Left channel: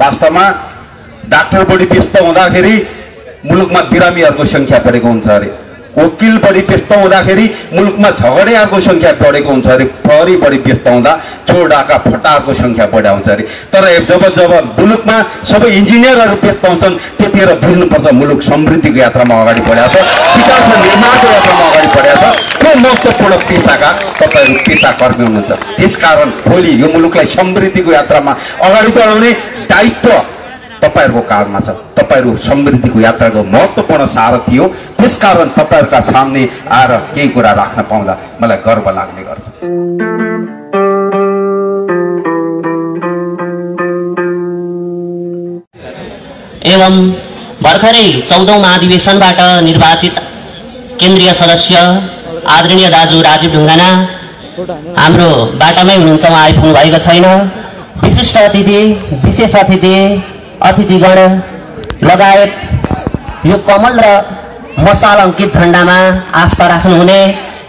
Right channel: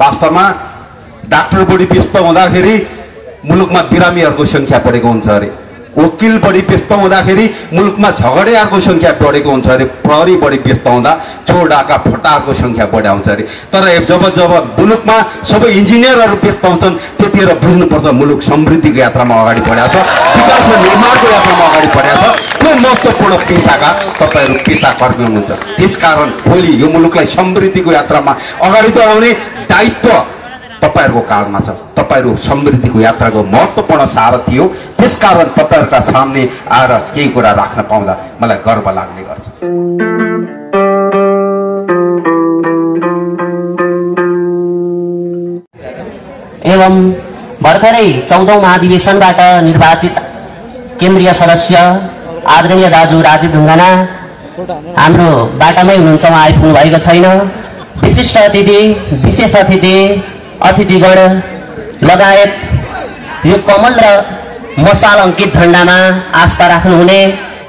वास्तवमा डाक्टर बढी व्यस्त हुँदाखेरि मुलुकमा बिरामीहरूको संख्या बढेको हुन्छ अरे, वकिल बढी व्यस्त हुँदाखेरि मुलुकमा झगडेहरूको संख्या बढेको हुन्छ अरे, प्रहरी बढी व्यस्त हुँदा चोर डाका फटाहरूको संख्या बढा हुन्छ अरे। तर जब जब मुलुकमा सबै इन्जिनियरहरू व्यस्त हुन्छन् त्यतिखेर बुझ्नुपर्छ मुलुक समृद्धिको यात्रामा अगाडि बढेको छ, विकासको निर्माणको यात्रामा अगाडि बढेको छ। कुनै महत्त्वपूर्ण पेसाका तपाईहरू पेसाकर्मी हुनुहुन्छ, त्यसकारण भोलि यो मुलुकलाई समृद्धिको यात्रामा अगाडि बढाउने दायित्व तपाईहरुको काँधमा छ। तपाईहरु समृद्धिको यात्राको महत्त्वपूर्ण सारथी हो, त्यसकारण तपाईहरुका सामने आएर केही कुरा राख्न पाउँदा मलाई गर्व लाग्ने गर्छ। एवं भर्खरै 14औं महाधिवेशनबाट निर्वाचित केन्द्रीय सदस्य आदरणीय दाजु राजीव ढुङ्गाना हाम्रो बाटामै हुनुहुन्छ, उहाँ आइपुग्नु भएको छैन। विशिष्ट अतिथि, विशेष अतिथि, अतिथिगण लगायत यो कमल र मसाल अंकित झण्डामा आस्था राख्नुहुने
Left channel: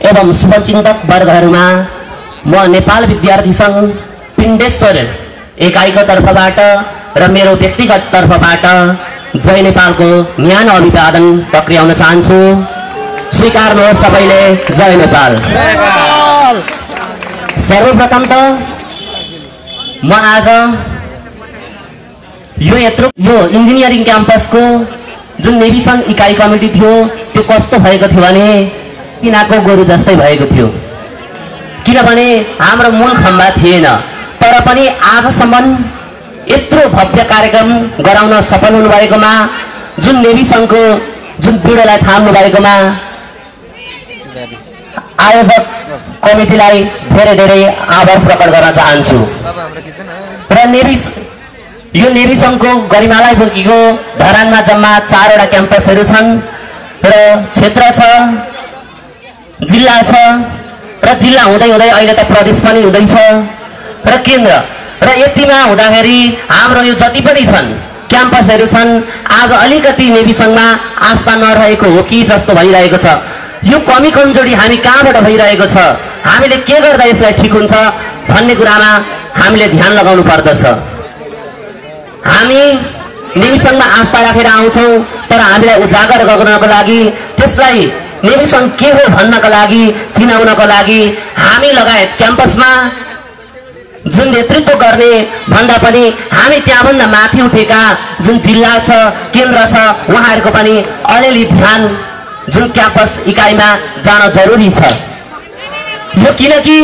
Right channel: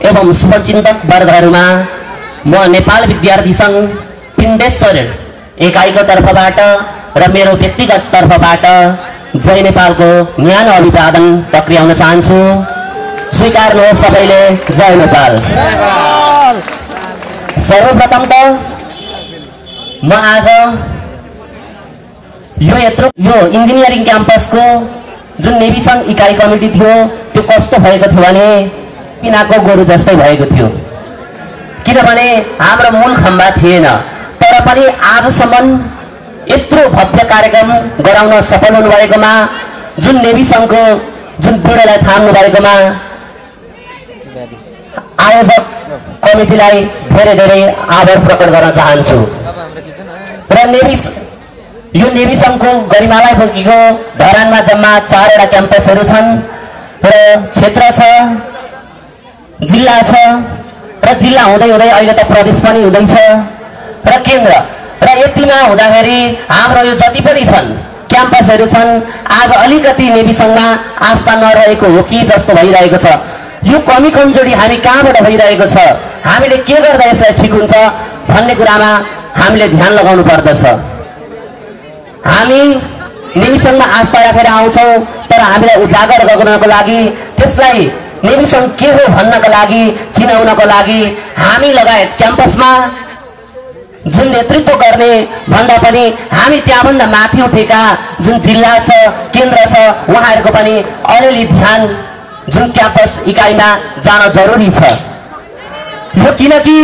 एवं शुभचिन्तक वर्गहरूमा म नेपाल विद्यार्थी संघ पिण्डेश्वर एकाइको तर्फबाट र मेरो व्यक्तिगत तर्फबाट जय नेपालको न्यानो अभिवादन टक्र्याउन चाहन्छु। स्वीकार्नुहोस् सबैले, जय नेपाल। सर्वप्रथम त म आज यो इन्जिनियरिङ क्याम्पसको जुन नेभी संघ इकाइ कमिटी थियो त्यो कस्तो भएको थियो भने पिनाको गोरु जस्तै भएको थियो, किनभने हाम्रो मूल खम्बा थिएन। तर पनि आजसम्म यत्रो भव्य कार्यक्रम गराउन सफल हुनुभएकोमा, जुन नेभी संघको जुन पीडालाई थाम्नु भएकोमा आयोजक कमिटीलाई धेरै धेरै आभार प्रकट गर्न चाहन्छु। र यो नेभी संघको गरिमालाई बोकेको धरानमा जम्मा 4वटा क्याम्पसहरू छन् र क्षेत्र छ, जिल्ला छ र जिल्ला हुँदै हुँदै अहिले त प्रदेश पनि हुँदैछ र केन्द्र। र यतिमा हुँदाखेरि हाम्रो यो जति पनि छन् क्याम्पसहरू छन्, आज अलिकति नेभी संघमा आस्था नरहेको हो कि जस्तो भइरहेको छ। यो कमी कमजोरी हामी कहाँबाट भइरहेको छ, हामीले के गर्दा यसलाई ठिक हुन्छ भन्ने कुरामा हामीले ध्यान लगाउनु पर्दछ। हामी नेभी संघमा आस्था राखेर आउँछौं, तर हामीलाई उजागर गर्नको लागि, त्यसलाई नेभी संघ के हो भन्नको लागि, चिनाउनको लागि हामी लगायत क्याम्पसमा जुन नेतृत्व गर्ने भन्दा पनि हामी त्यहाँभन्दा माथि उठेका जुन जिल्ला छ, केन्द्र छ, उहाँहरूको पनि अलिअलि ध्यान जुन क्याम्पस इकाइमा जान जरुरी छ। यो किनकि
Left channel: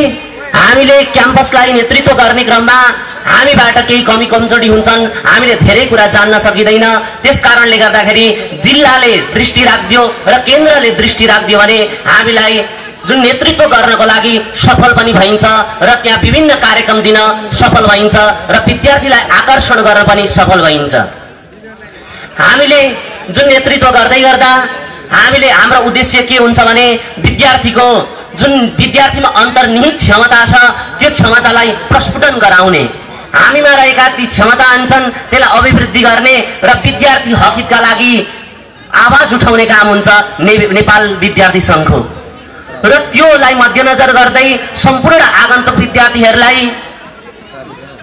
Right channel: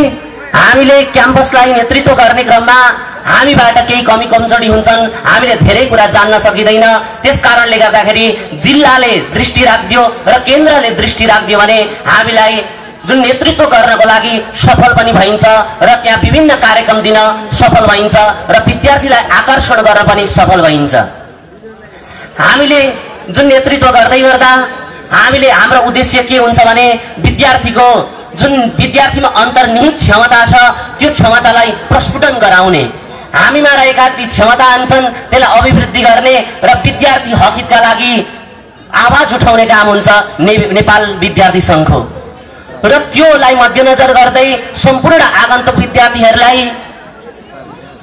हामीले क्याम्पसलाई नेतृत्व गर्ने क्रममा हामीबाट केही कमी कमजोरी हुन्छन्, हामीले धेरै कुरा जान्न सकिँदैन। त्यसकारणले गर्दाखेरि जिल्लाले दृष्टि राख्दियो र केन्द्रले दृष्टि राख्दियो भने हामीलाई जुन नेतृत्व गर्नको लागि सफल पनि भइन्छ र त्यहाँ विभिन्न कार्यक्रम दिन सफल भइन्छ र विद्यार्थीलाई आकर्षण गर्न पनि सफल भइन्छ। हामीले जुन नेतृत्व गर्दै गर्दा हामीले हाम्रो उद्देश्य के हुन्छ भने विद्यार्थीको जुन विद्यार्थीमा अन्तर्निहित क्षमता छ त्यो क्षमतालाई प्रस्फुटन गराउने, हामीमा रहेका ती क्षमता हुन्छन् त्यसलाई अभिवृद्धि गर्ने र विद्यार्थी हकका लागि आवाज उठाउने काम हुन्छ नेपाल विद्यार्थी संघको। र त्योलाई मध्यनजर गर्दै सम्पूर्ण आगन्तुक विद्यार्थीहरूलाई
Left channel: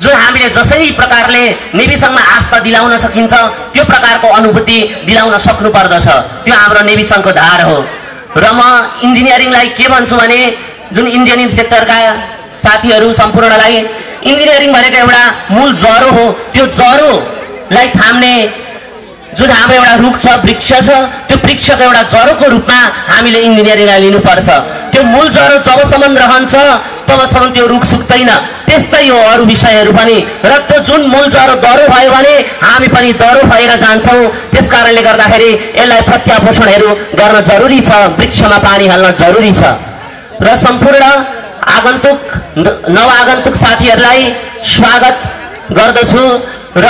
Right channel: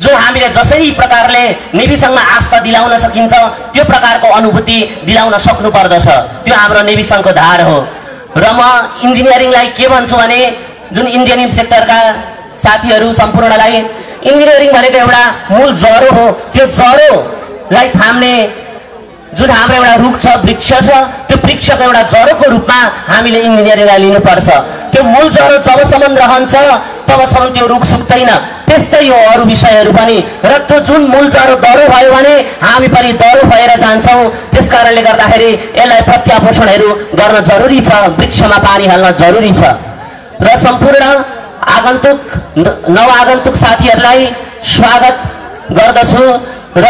जो हामीले जसै प्रकारले नेभी संघमा आस्था दिलाउन सकिन्छ त्यो प्रकारको अनुभूति दिलाउन सक्नु पर्दछ। त्यो हाम्रो नेभी संघको धार हो। र म इन्जिनियरिङलाई के भन्छु भने जुन इन्जिनियरिङ सेक्टरका साथीहरू सम्पूर्णलाई इन्जिनियरिङ भनेको एउटा मूल जरो हो। त्यो जरोलाई थाम्ने जुन हाम्रो एउटा रुख छ, वृक्ष छ, त्यो वृक्षको एउटा जरोको रूपमा हामीले इन्जिनियरिङलाई लिनुपर्छ। त्यो मूल जरो जबसम्म रहन्छ तबसम्म त्यो रुख सुक्दैन। त्यस्तै हो अरू विषयहरू पनि। र त्यो जुन मूल जरो दह्रो भयो भने हामी पनि दह्रो भएर जान्छौँ। त्यसकारणले गर्दाखेरि यसलाई प्रत्यापोषणहरू गर्न जरुरी छ, वृक्षमा पानी हाल्न जरुरी छ। र सम्पूर्ण आगन्तुक नवआगन्तुक साथीहरूलाई स्वागत गर्दछु। र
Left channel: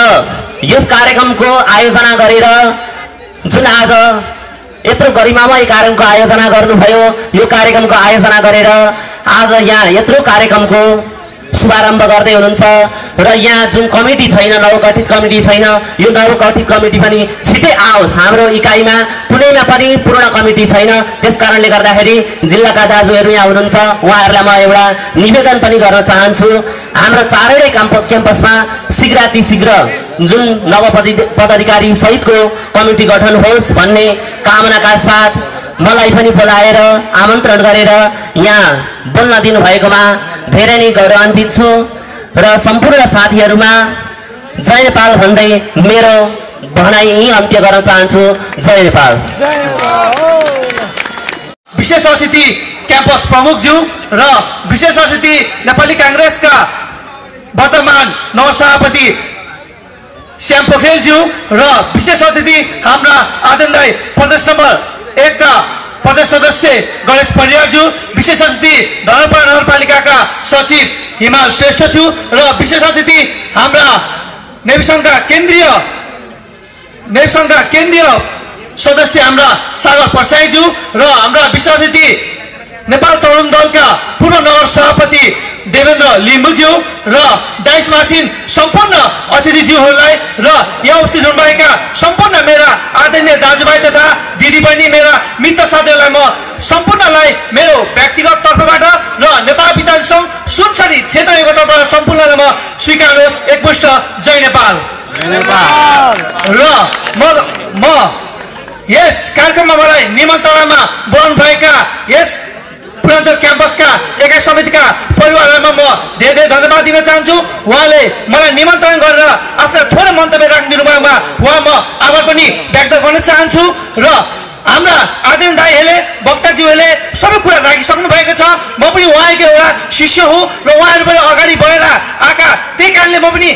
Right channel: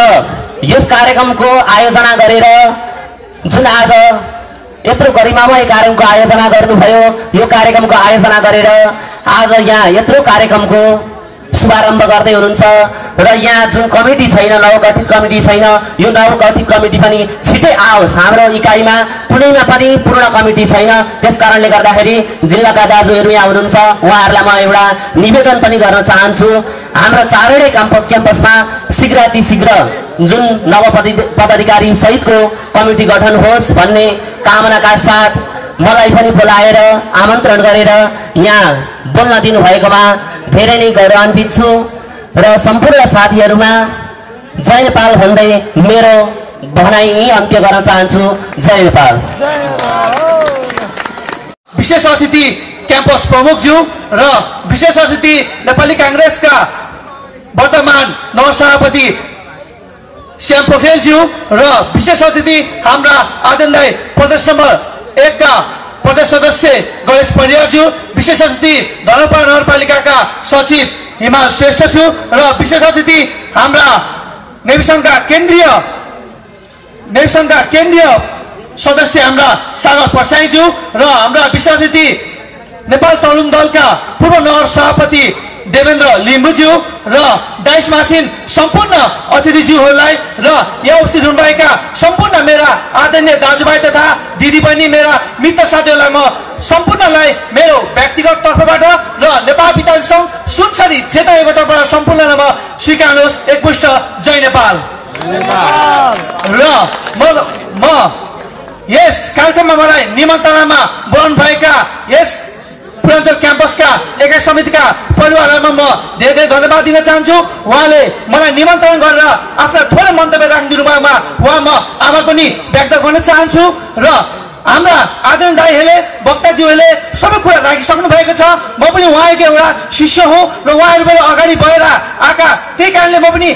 यस कार्यक्रमको आयोजना गरेर जुन आज यत्रो गरिमामय कार्यक्रमको आयोजना गर्नुभयो, यो कार्यक्रमको आयोजना गरेर आज यहाँ यत्रो कार्यक्रमको शुभारम्भ गर्दै हुनुहुन्छ। र यहाँ जुन कमिटी छैन, नवगठित कमिटी छैन, यो नवगठित कमिटी पनि छिटै आओस्। हाम्रो इकाइमा कुनैमा पनि पूर्ण कमिटी छैन। त्यसकारणले गर्दाखेरि जिल्लाका दाजुहरू यहाँ हुनुहुन्छ, उहाँहरूलाई म एउटा निवेदन पनि गर्न चाहन्छु। हाम्रो 4वटै क्याम्पसमा शीघ्रातिशीघ्र जुन नव पदाधिकारी सहितको कमिटी गठन होस् भन्ने कामनाका साथ मलाई पनि बोलाएर आमन्त्रण गरेर यहाँ बोल्न दिनुभएकोमा धेरै नै गौरवान्वित छु र सम्पूर्ण साथीहरूमा जय नेपाल भन्दै मेरो भनाइ यही अन्त्य गर्न चाहन्छु। जय नेपाल। विशेष अतिथि क्याम्पस प्रमुखज्यू र विशेष अतिथि नेपाली कांग्रेसका वर्तमान नवसभापति श्याम पोखरेलज्यू र विशेष अतिथि हाम्रा आदरणीय प्रदेश नम्बर 1 का प्रदेश सदस्य गणेश पण्डितज्यू, विशेष अतिथि धनपाडा नगरपालिकाका सचिव हिमाल श्रेष्ठज्यू र विशेष अतिथि हाम्रा नेभी संघका केन्द्रीय सदस्य हाम्रा सागर प्रसाईज्यू र हाम्रा विशेष अतिथि नेपाल तरुण दलका पूर्व नगर सभापति देवेन्द्र लिम्बुज्यू र डाइसमा छिन् सम्पूर्ण अतिथिज्यूहरूलाई र यहाँ उपस्थित हुनुभएका सम्पूर्ण मेरा आदरणीय दाजुभाइ तथा दिदीबहिनी मेरा मित्र साथीहरूलाई म सम्पूर्णलाई मेरो व्यक्तिगत तर्फबाट र नेपाल विद्यार्थी सङ्घ सुनसरी क्षेत्रको तर्फबाट सम्पूर्णलाई म स्वीकार्नुहोस् एकमुष्ट जय नेपाल। र म यस कार्यक्रममा मलाई निमन्त्रणामा बोलाउनु भएका यस पूर्वाञ्चल क्याम्पसका एकाइ समितिका परिवारहरूलाई म धेरै धन्यवाद दिन चाहन्छु। उहाँले मलाई निमन्त्रण गरेर आफ्ना थोरै मन्तव्य राखिदिनु भएमा उहाँ म आभार पनि व्यक्त गर्न चाहन्छु र हाम्रा आदरणीय दाइहरूले वक्ताज्यूहरूले सबै कुरा राखिसक्नु भएको छ। म पनि उहाँको एउटा शिष्य हुँ र उहाँहरूबाट अगाडि बढेर आएका त्यही कारणले म पनि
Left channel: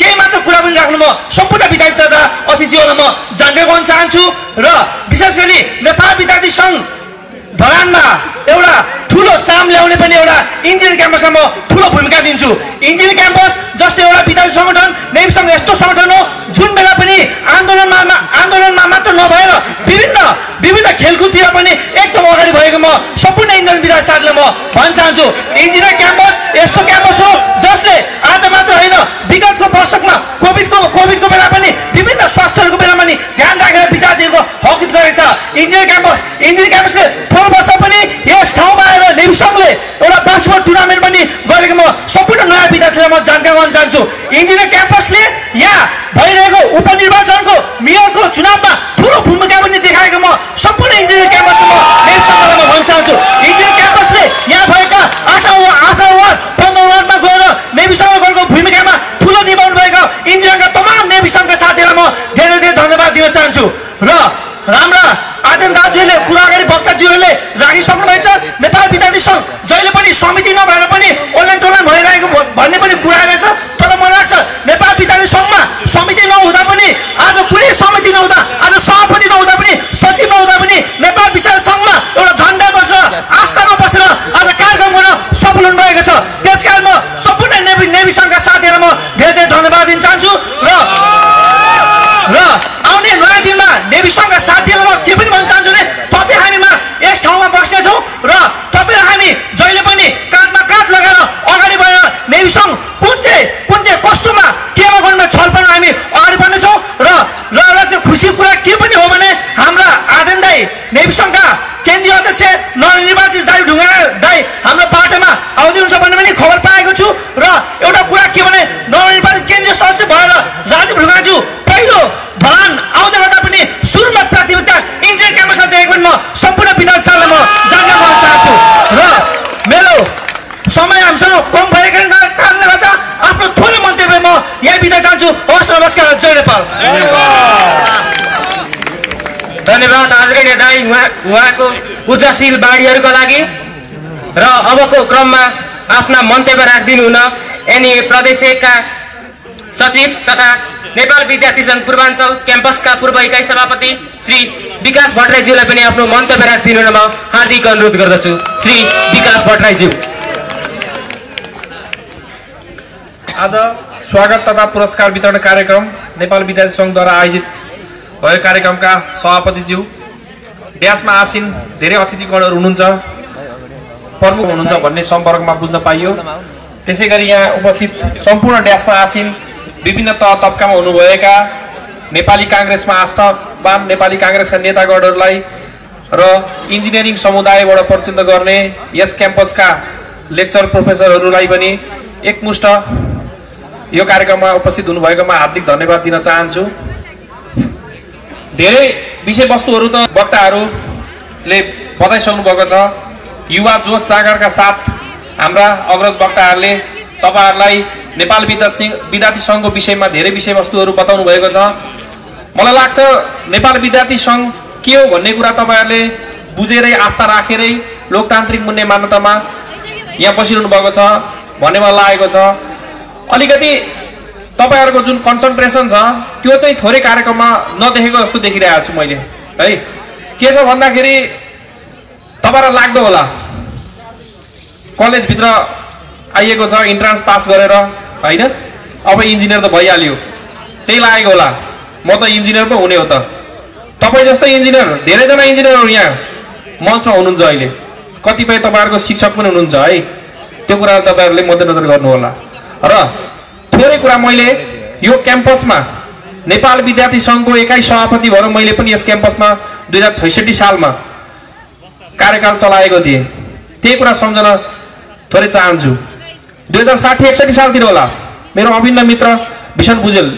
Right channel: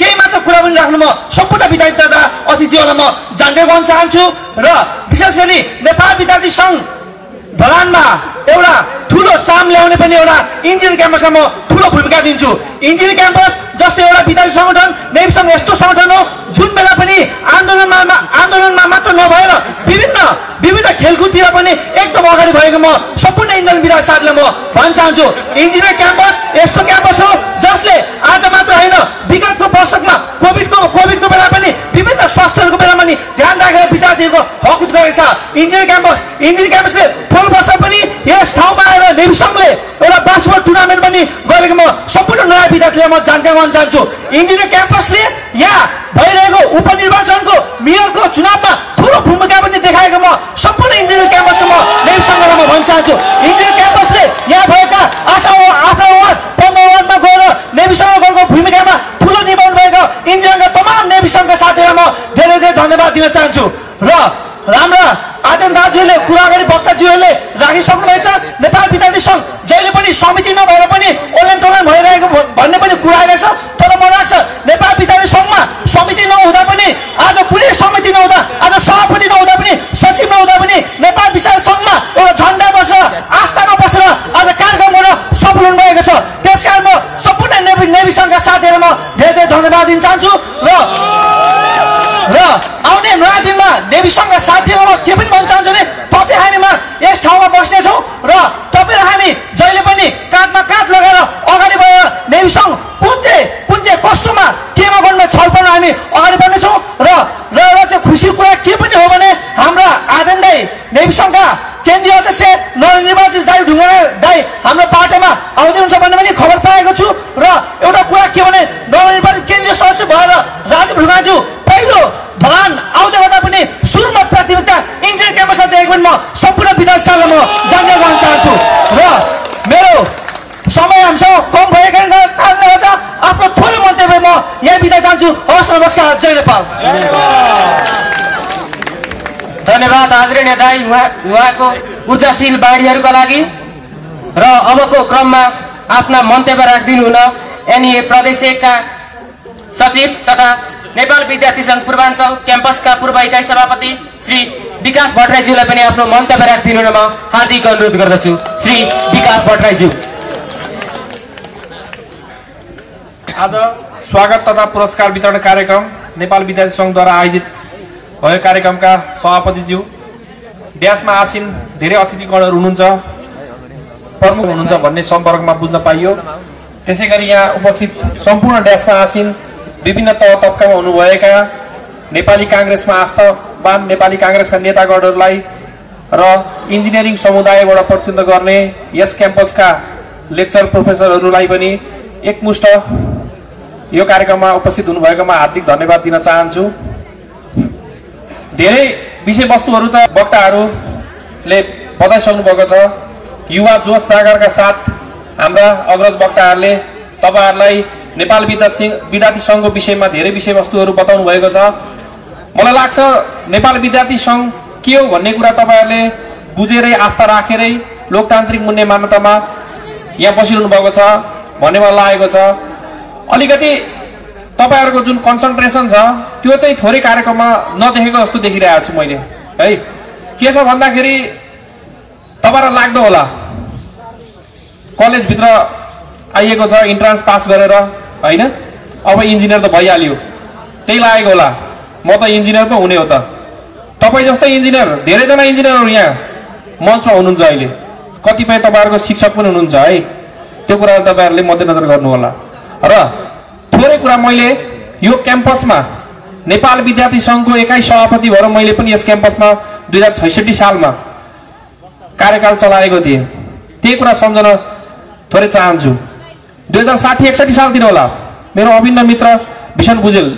केही मात्र कुरा पनि राख्नु म सम्पूर्ण विद्यार्थी तथा अतिथिहरूलाई म जानकारी गर्न चाहन्छु र विशेष गरी नेपाल विद्यार्थी सङ्घ ढलानमा एउटा ठूलो चाम ल्याउने पनि एउटा इन्जिनियरिङ क्याम्पसमा म ठूलो भूमिका दिन्छु। इन्जिनियरिङ क्याम्पस जस्तै एउटा विद्यार्थी संगठन नेभी संघ यस्तो संगठन हो जुन बेला पनि आन्दोलनमा मात्र नभएर विभिन्न खेलकुदतिर पनि एकदम अगाडि भएको म सम्पूर्ण इन्जिनियरिङ विद्यार्थी साथीलाई म भन्न चाहन्छु। इन्जिनियरिङ क्याम्पस यस्तो क्याम्पस हो जसले आज मात्र होइन विगतको वर्षमा कोभिडको बेला पनि विभिन्न स्वास्थ्यहरूको बेला पनि ध्यान राखेर विद्यार्थीहरूको हकित गरेको छ। इन्जिनियरिङ क्याम्पसले 4 वर्ष पनि यस ठाउँमा आएर नेभी संघले एउटा बास्केटबल टुर्नामेन्ट पनि गरेको म सम्पूर्ण नयाँ विद्यार्थीलाई म जानकारी गर्न चाहन्छु। इन्जिनियरिङ क्याम्पसले यहाँ भइरहेको उपनिर्वाचनको मेयरको चुनावमा ठूलो भूमिका पनि देखाएको म सम्पूर्ण इन्जिनियरिङ क्याम्पसको म नेभी संघलाई म भन्न चाहन्छु। इन्जिनियरिङ क्याम्पसले यहाँ भएका 8 वार्ड 15 वार्डमा गएर नेभी संघको भूमिकामा ठूलो निभाउनु भएको इन्जिनियरिङका तमाम नेभी संघका साथीहरूलाई म धेरै धन्यवाद दिन चाहन्छु। र राम्रा आदरणीय दाजुहरूले कुरा अगाडि वक्ताज्यूहरूले राखिसक्नु भएको छ। नेपाल विद्यार्थी सङ्घ जहिले पनि समिति नभएर पनि ओलन टोलन भइरहेको भन्ने पनि कुरा आएको छ। तर मलाई लाग्छ नेपाल विद्यार्थी सङ्घमा समिति नहुँदा पनि आज कुनै समिति नहुँदा आज सभापति नहुँदा पनि सचिव नहुँदा पनि नेपाल विद्यार्थी सङ्घमा एउटा झन्डा बसेर आस्थामा बसेर आज कार्यक्रम गर्न सफल हुनुभएको छ। त्यसकारण म सम्पूर्ण नेभी सङ्घका साथीहरूलाई म धेरै धन्यवाद दिन चाहन्छु र आउने नयाँ दिनमा नेभी सङ्घका साथीहरूलाई के पनि भन्न चाहन्छु भने तपाईँ हामीमा यस ठाउँमा बस्नेछौँ र तपाईँ र हामी जहिले पनि काँधमा काँध लगाएर अगाडि बढेर नेभी सङ्घ कुन चाहिँ कस्तोमा केमा गर्नुमा छलफल हामी अगाडि बढ्नेछौँ र चाहिँ खुसीको कुरा के पनि हो भने हाम्रा आदरणीय नेभी सङ्घका केन्द्रीय अध्यक्ष नवनिर्वाचित दाइ ढुङ्गाना दाइ हाम्रो पाटोमा आउँदैनुहुन्छ भन्ने पनि खबर पाएको छु र एउटा कुरा के भने नवनिर्वाचित केन्द्रीय सदस्य भएर राजीव ढुङ्गाजु पहिलो ढलान आउँदै गर्दा पनि सुरुमा प्राथमिकता इन्जिनियरिङ क्याम्पसमा दिएको पनि म सम्पूर्ण विद्यार्थीहरूलाई म जानकारी गर्न चाहन्छु र मेरो समय हामीसँग कम भएको कारणले गर्दा आफ्नो थोरै मन्तव्य म यहाँ बिदा चाहन्छु। हवस्, नमस्कार, जय नेपाल। धन्यवाद आदरणीय दाइ उहाँको ऊर्जाशील बाणीहरूका लागि। र अबको क्रममा आफ्ना मन्तव्य राखिदिनु हुन एनए प्रदेश 1 का सचिव तथा नेपाल विद्यार्थी सङ्घ पूर्वाञ्चल क्याम्पसका पूर्व इकाइ सभापति श्री विकास भट्टराईज्यूलाई पनि आफ्नो मन्तव्य राखिदिनु हुन म हार्दिक अनुरोध गर्दछु। श्री विकास भट्टराईज्यू। आज स्वागत तथा पुरस्कार वितरण कार्यक्रम नेपाल विद्यार्थी सङ्घद्वारा आयोजित भएको कार्यक्रमका सभापतिज्यू, ब्याचमा आसीन धेरै अतिथिगणहरू हुनुहुन्छ, प्रमुख हुनुहुन्छ भन्ने सम्पर्कमा बुझ्न पाइयो। त्यसै गरी यहाँ उपस्थित सम्पूर्ण ड्यासमा आसीन विभिन्न तह तबकामा हुनुभएका नेपाली कांग्रेसमा आस्थावान नेपाली कांग्रेसका नेतागणहरूलाई र इन्जिनियरिङ समुदायबाट प्रतिनिधित्व गर्ने यस क्याम्पसका लेक्चर प्रोफेसरहरूलाई पनि एकमुष्ट यो कार्यक्रममा उपस्थित हुनुभएकोमा हार्दिक धन्यवाद दिन चाहन्छु। धेरै विषयवस्तुहरू त वक्ताहरूले बताइसक्नु भएको छ। युवा जोश जागरका साथ हाम्रा अग्रज वक्ताहरूले तपाईहरुलाई नेपाल विद्यार्थी संघको विषयमा धेरै विषयवस्तुहरू बताउनु भएको छ। मलाई लाग्छ नेपाल विद्यार्थी संघ के हो भन्ने कुरा तपाईहरुले बुझेरै आस्था राखेरै लोकतान्त्रिक मूल्य मान्यतामा यहाँ बसिरहनु भएको छ भन्ने मलाई लागेको छ। अलिकति तपाईहरुको जुन कन्सन्ट्रेसन छ त्यो चाहिँ थोरै कार्यक्रममा नदेखेको जस्तो देखिरहेको छु मैले है। के छ भन्दाखेरि तपाईहरुलाई लाग्दो होला कलेज भित्र आइएको छ इन्ट्रान्स पास गरेर हैन, अब इन्जिनियर त भइहाल्यो त्यही लागेको होला। म त इन्जिनियर पो हुने हो त। तपाई जस्तै इन्जिनियर धेरैजना इन्जिनियरहरु यहाँ मञ्चमा हुनुहुन्छ अहिले, कतिपय तपाईहरुको शिक्षक पनि हुनुहुन्छ है। त्यो कुरा तपाईहरुले मध्यनजर गर्नु होला। र थोरै कुरा मैले यो क्याम्पसमा नेपाल विद्यार्थी संघको एकाइ सभापति भएर मैले पनि यस क्याम्पसमा 2066 सालमा कार्यकाल चलाएको थिएँ। त्यही कुरा सम्झन थोरै चाहन्छु। 2060-61 सालतिर होला मेरो अभिन्न मित्र भीषण बुझेल,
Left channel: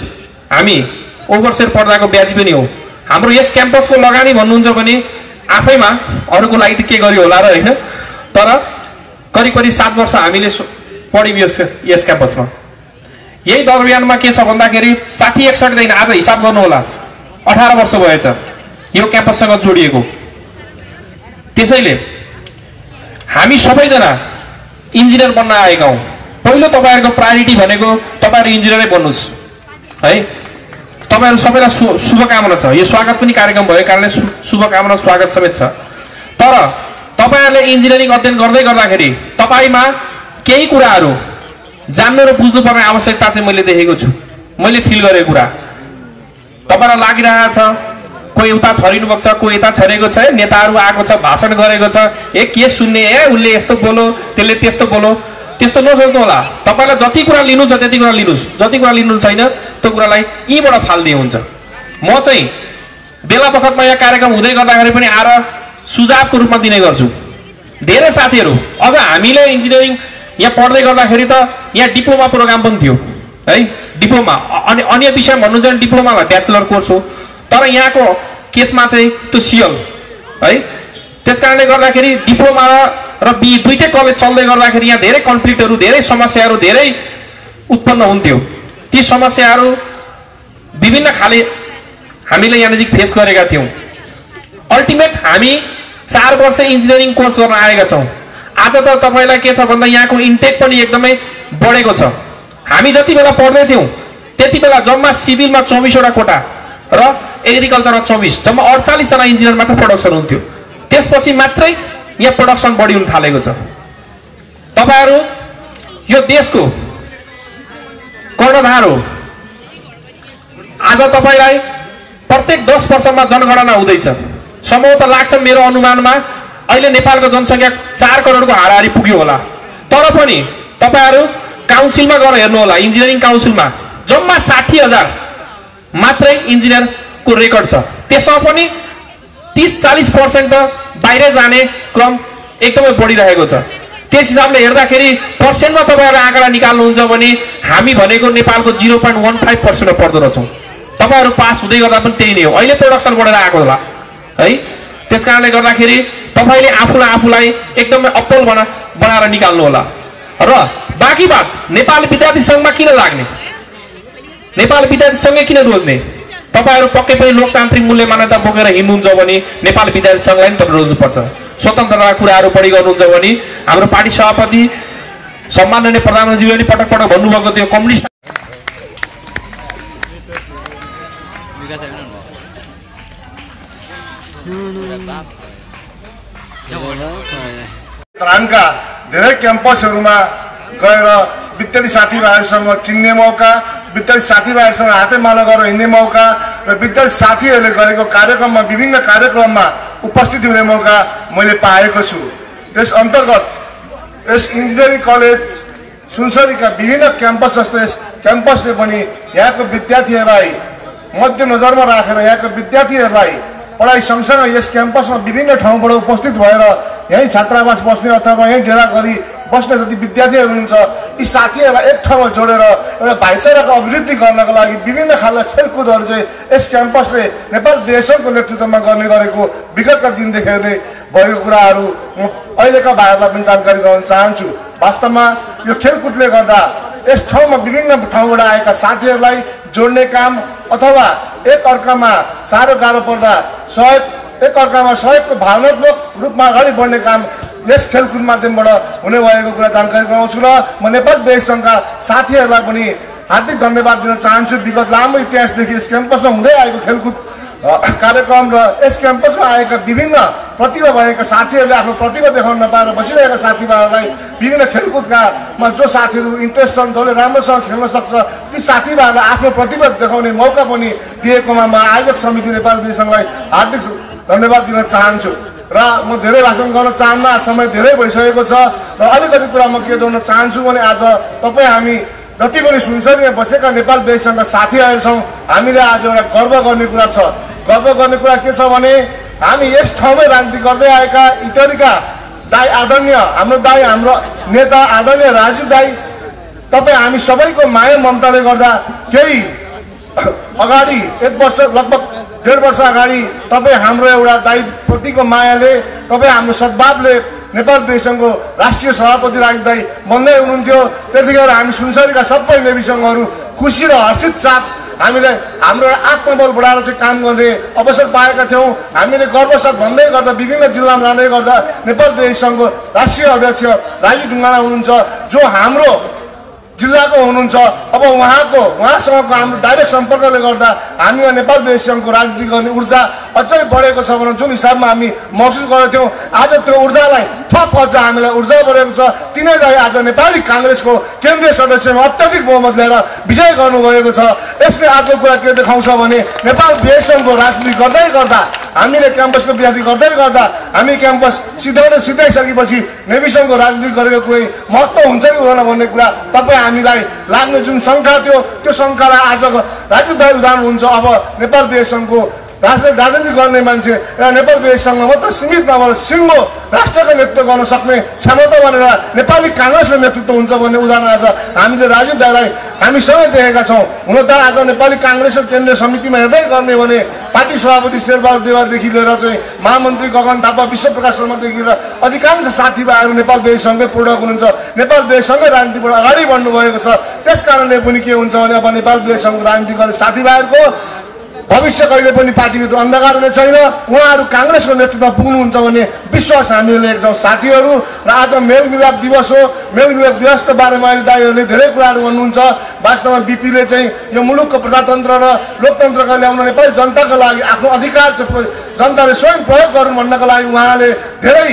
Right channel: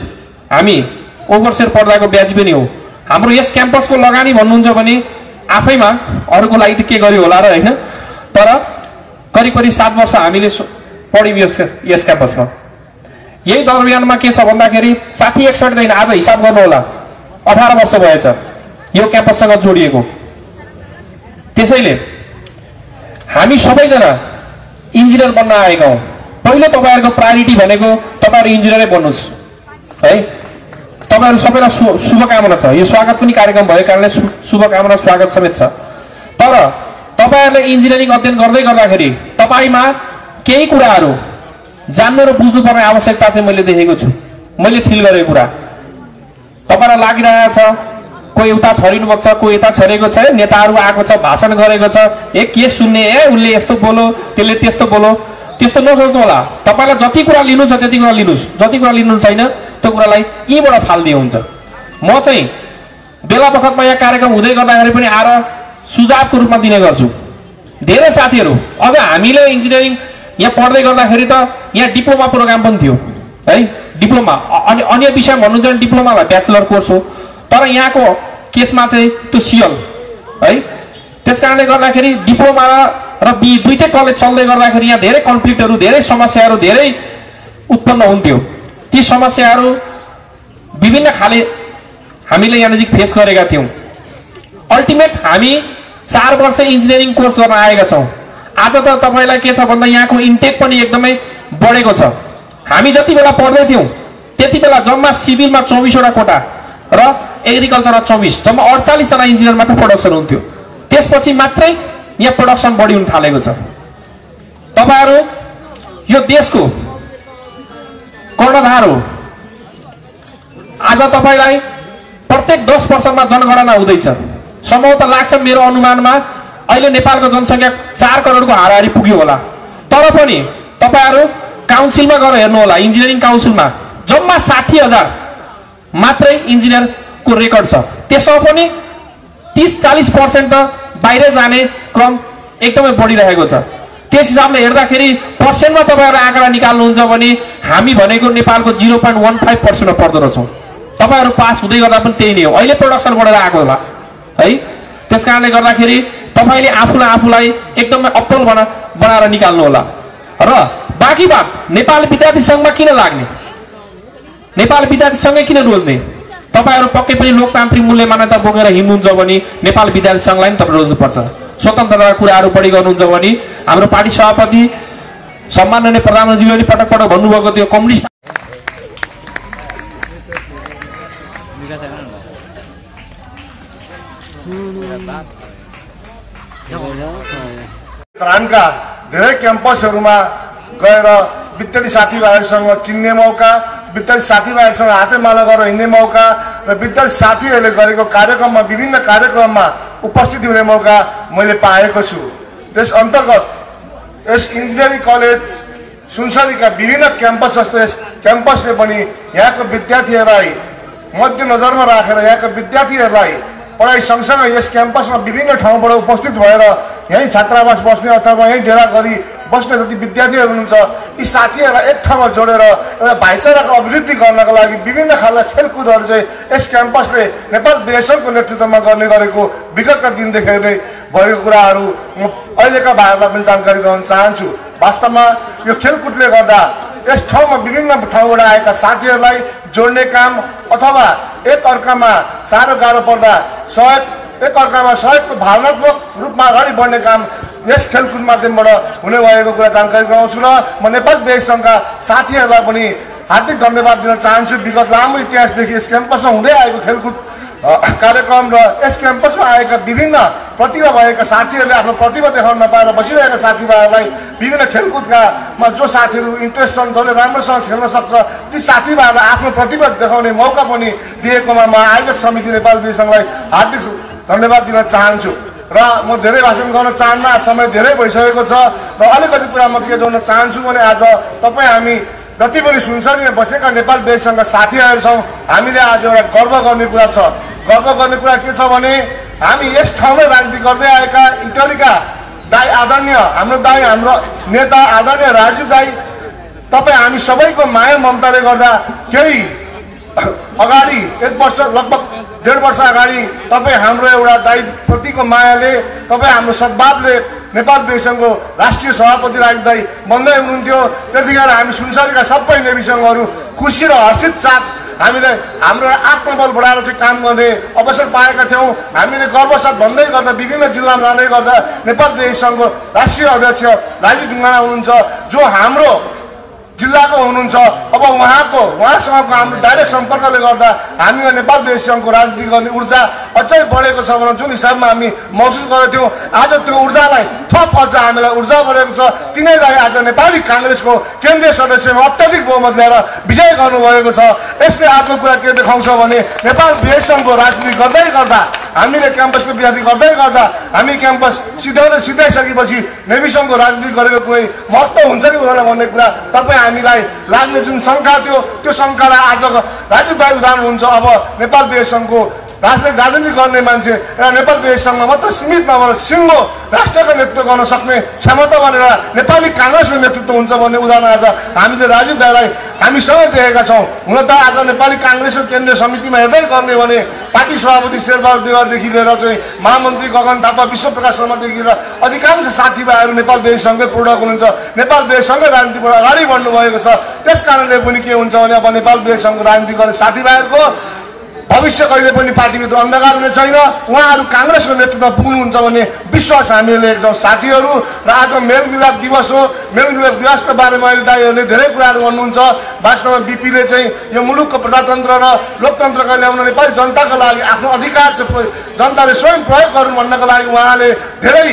हामी ओभरसेयर पर्दाको ब्याज पनि हो। हाम्रो यस क्याम्पसको लगानी भन्नुहुन्छ भने आफैमा अरूको लागि त के गर्यो होला र हैन, तर करिब 7 वर्ष हामीले पढ्यौं यस क्याम्पसमा। यही दरमियानमा के छ भन्दाखेरि 60-61 दिन आज हिसाब गर्नु होला 18 वर्ष भएछ यो क्याम्पससँग जोडिएको। त्यसैले हामी सबैजना इन्जिनियर बन्न आएका हौं। पहिलो तपाईहरुको प्रायोरिटी भनेको तपाईहरु इन्जिनियरै बन्नुस् है। तपाईहरु सबैलाई शुभकामना छ। यो स्वागत पनि कार्यक्रम भएको कारणले शुभकामना स्वागत समेत छ। तर तपाईहरुले इन्जिनियरिङ अध्ययन गर्दै गर्दाखेरि तपाईमा केही कुराहरू जान्न र बुझ्नुपर्ने आवश्यकता चाहिँ मैले देखेको छु। मैले फिल गरेको कुरा तपाईहरुलाई लागिरहेको छ कोही उता छरिनु भएको छ, कोही यता छरेको छ, नेताहरू आएको छ भाषण गरेको छ, ए के सुन्ने उले यस्तो बोलो त्यसले त्यस्तो बोलो, त्यस्तो नसोच्नु होला। तपाईलाई जति कुरा लिनु छ त्यति कुरा लिनुस्, जति कुरा लिनु छैन त्यो कुरालाई यहीबाट फाल्दिए हुन्छ। म चाहिँ बेला बखतमा यहाँ कार्यक्रम हुँदै गर्दाखेरि पनि आएर सुझावको रूपमा दिने गर्छु। धेरै साथीहरू अझ हामीले इन्जिनियरिङ यहाँ पढ्दै गर्दाखेरि त यहाँ डिप्लोमा प्रोग्राम पनि थियो है। डिप्लोमा अनि अन्य विषय भन्नुहुन्छ भने डिप्लोमामा ब्याचलर कोर्स हो, तर यहाँको केसमा चाहिँ त्यो सिएल है। त्यसकारणले गर्दाखेरि डिप्लोमा र बी दुईटै कलेज चल्दै गर्दाखेरि यहाँ धेरै कन्फ्लिक्टहरू, धेरै समस्याहरू धेरै उत्पन्न हुन्थ्यो। ती समस्याहरू विभिन्न खाले हामीले यहाँनिर फेस गरेका थियौं। अल्टिमेट हामी 4 वर्ष इन्जिनियरिङ कोर्स गर्न आएका छौं। आज त तपाईलाई के छ भन्दा यहाँको इन्टेक पनि एकदमै बढेको छ। हामी जति बेला पढ्दै थियौं त्यति बेला जम्मा सिभिलमा 24 वटा कोटा र एग्रिकल्चरमा 24, जम्मा 48 जना इन्जिनियर मात्र प्रोडक्सन हुन्थ्यो। त्यसपछि मात्रै यहाँ प्रोडक्सन बढी हुन थालेको छ। तपाईहरु यो देशको कर्णधार हो। आज तपाईलाई प्रत्येक 10 वर्षमा जनगणना हुँदैछ। सम्भवतः लाग्छ मेरो अनुमानमा अहिले नेपालको जनसंख्या 4 करोडको हाराहारी पुग्यो होला। तर पनि तपाईहरु काउन्सिलमा गएर हेर्नु होला, इन्जिनियरिङ काउन्सिलमा जम्मा 60,000 मात्रै इन्जिनियरको रेकर्ड छ। त्यसमा पनि 30-40% त बाहिर जाने क्रम एकदमै बढिरहेको छ। त्यस हिसाबले हेर्दाखेरि पर्सेन्टमा तपाईहरु आँकडा निकाल्नुहुन्छ भने हामी भनेको नेपालको 0.15% पर्दो रहेछौं। तपाईहरु पास हुँदै गर्दा पनि त्यही नै हो। अहिले प्रोडक्सन बढेर आएको होला है। त्यसकारणले गर्दाखेरि तपाईले आफूलाई एकदमै अप्पल बनाएर निकाल्नु होला। र बाँकी बात नेपाल विद्यार्थी संघमा किन लाग्ने, नेपाल विद्यार्थी संघले किन रोज्ने? तपाईहरु पक्कै पनि लोकतान्त्रिक मूल्य मान्यता बोकेर हिँड्नुहुन्छ भने नेपाल विद्यार्थी संघलाई पनि तपाईले रोज्नुपर्छ। स्वतन्त्रताका कुराहरू बढी गर्नुहुन्छ भने हाम्रो पार्टी सभापति सम्माननीय प्रधानमन्त्रीले पनि पटक पटक भन्नुभएको थियो कम्युनिस्ट त्राणका धेरै क्याम्पसहरूमा गएर विद्यार्थी साथीभाइहरूसँग चिन्ने मौका, विद्यार्थी साथीभाइहरूसँग हातेमालो गरेर हिँड्ने मौका र विद्यार्थी साथीहरूले गरेको कार्यक्रममा विभिन्न कार्यक्रममा उपस्थित हुने मौका मैले पाएको छु। त्यस अन्तर्गत यस इन्जिनियरिङ कलेज सुनसरीका विभिन्न क्याम्पस जस्तो यस क्याम्पसले पनि यहाँको विद्यार्थीहरूलाई मध्यनजरमा राखेर यहाँका विद्यार्थीहरूलाई पढाइ सँगसँगै यस क्याम्पसमा विभिन्न ठाउँबाट उपस्थित भएर यही छात्रावास बस्ने अथवा यही डेरा गरी बस्ने जति विद्यार्थीहरू हुनुहुन्छ यी साथीहरूलाई एक ठाउँमा जोडेर एउटा भाइचाराको अभिवृद्धि गर्नका लागि विभिन्न खालका खेलकुदहरू चाहिँ यस क्याम्पसले नेपाल विद्यासङ्घको नेतृत्वमा गर्ने गरेको विगतका दिनदेखि नै भएको कुराहरू अहिलेका भाइहरूलाई पनि जानकारी गराउन चाहन्छु। वास्तवमा यो खेलकुदले गर्दा यस ठाउँमा विभिन्न ठाउँबाट आएका साथीहरूलाई जोड्ने काम अथवा एक अर्कामा साह्रो गाह्रो पर्दा एक अर्कामा सहयोगको भावनात्मक रूपमा अगाडि बढ्ने काम यस खेलकुद माध्यमबाट हुने भएको कुरा जानकारी गराउँछु र म नेपाल विद्यासङ्घका साथीहरूलाई पनि हार्दिक धन्यवाद दिन चाहन्छु। विगत लामो इतिहासदेखि यस क्याम्पसमा हुँदै आएको खेलकुद कार्यक्रम र यस क्याम्पसमा आएका विभिन्न प्रतिभा भएका साथीहरूले आफ्नो प्रतिभा देखाउन नपाएर बसिरहेका साथीभाइहरूलाई विभिन्न खेलकुदकामा जो साथीहरू इन्ट्रेस्ट छन् जसले राम्रोसँग खेल्न सक्छ ती साथीभाइहरूलाई आफ्नो प्रतिभा देखाउने मौका पनि दिएकोमा म आयोजक समिति नेपाल विद्यासङ्घलाई हार्दिक धन्यवाद दिन चाहन्छु र म धेरै भाषण गर्न चाहन्न। समय धेरै भइसकेको छ र अलिकति कुरा म के जोड्न चाहन्छु भने आज तपाईँ हामी जति पनि सुनसरीमा बसेका नेपाल विद्यासङ्घका साथीहरू छौँ हामीले आज एउटा गर्व गर्ने कुरा छ। गर्व गर्ने कुरा के छ भने हामी यस ठाउँमै राजनीति गर्दै आएका इटरीका दाई आदरणीय हाम्रो नेता आदरणीय राजीव दाई तपाईँ हामी सबैको माया ममताले गर्दा केही अगाडि लगभग 1.5 वर्ष अगाडि तपाईँ हाम्रो एउटा दाईप्रतिको मायाले तपाईँ हाम्रो सद्भावले नेपाल विद्यासङ्घको राष्ट्रिय सभापति राजीव दाई बन्दै हुनुहुन्थ्यो। त्यतिखेर हामी सुनसरीका सबै नेवी सङ्घहरू खुसी र हर्षित साथ हामीले हाम्रो आत्मबल बढाएर चाहिँ काम गर्ने अवसर पाएका थियौँ। हामीले गर्वसाथ भन्दै गर्दा विभिन्न जिल्लामा जाँदै गर्दा नेपाल विद्यासङ्घको राष्ट्रिय अध्यक्ष राजीव ढुङ्गाना हुनुहुन्छ जो हाम्रो जिल्लाको हुनुहुन्छ। अब उहाँसँगको हाम्रो डाइरेक्ट सम्पर्कले गर्दा हामीमा नेपाल विद्यासङ्घको राजनीति गर्ने ऊर्जा अझै बढेको छ भने जुन हिसाबमा हामी महसुस गरेको आज त्यो ऊर्जालाई थप अझ हामीलाई ऊर्जा बढेको छ। तिनीहरूलाई आज नेपाली काङ्ग्रेसको केन्द्रीय सदस्यमा अत्याधिक बहुमत ल्याएर विजय गर्नुभएको छ। यसले आजको कुरा के देखाउँछ भने नेपाल विद्यासङ्घको राजनीति गर्दै गर्दा हामीले क्याम्पसको विद्यार्थी गर्दै गर्दा हामी क्याम्पस सिधाइसकेपछि नेवी सङ्घको राजनीति गरेको कुनै महत्त्व हुन्छ कि हुँदैन भन्ने कुरा तपाईँ हामीलाई लाग्ने जुन शङ्का थियो त्यो शङ्कालाई आज राजीव दाई उदाहरण हुन्छ। अब नेपाल विद्यासङ्घको राजनीति गर्ने मान्छे र नेपाल विद्यासङ्घमा मात्र सीमित नभएर सिङ्गो राष्ट्रको नेतृत्व गर्न सक्ने क्षमता भनेर नेपाली काङ्ग्रेसको नेतृत्व हुन्छ भन्ने उदाहरण आज हामीले राजीव दाईलाई हामीसँगै देखेका छौँ। हुन त आज नेपाली काङ्ग्रेसको केन्द्रीय समितिमा हेर्दै गर्ने भने पार्टी सभापति शेरबहादुर देवारदेखि लिएर चाहिँ महामन्त्री गगन थापा विश्वप्रकाश शर्मादेखि लिएर अधिकांश साथीभाइहरू नेपाल विद्यासङ्घकै प्रोडक्ट हुनुहुन्छ। नेपाल विद्यासङ्घकै राजनीतिबाट अगाडि बढ्नु भएको छ। त्यस कारणले पनि के हुन्छ भने अब नेपाल विद्यासङ्घको राजनीति गर्ने साथीभाइहरूको भविष्य कहिले पनि पार्टीभित्र अन्धकार हुने छैन। उहाँहरू काङ्ग्रेसको नेतृत्वमा पुग्नुहुन्छ भन्ने विश्वास हामीले लिएका छौँ साथीहरू। र आज मेलमिलाप दिवस हो। मेलमिलाप दिवसको बारेमा अहिले दाईहरूले धेरै कुराहरू भन्नुहुन्छ। वास्तवमा बिपीले चाहिँ यो मुलुकको प्रजातन्त्र र लोकतन्त्रका ल्याउन नेपाली जनताको लागि आफ्नो अधिकार चाहिँ जनताले स्वयं प्रयोग गरौँ भन्नका लागि उहाँले धेरै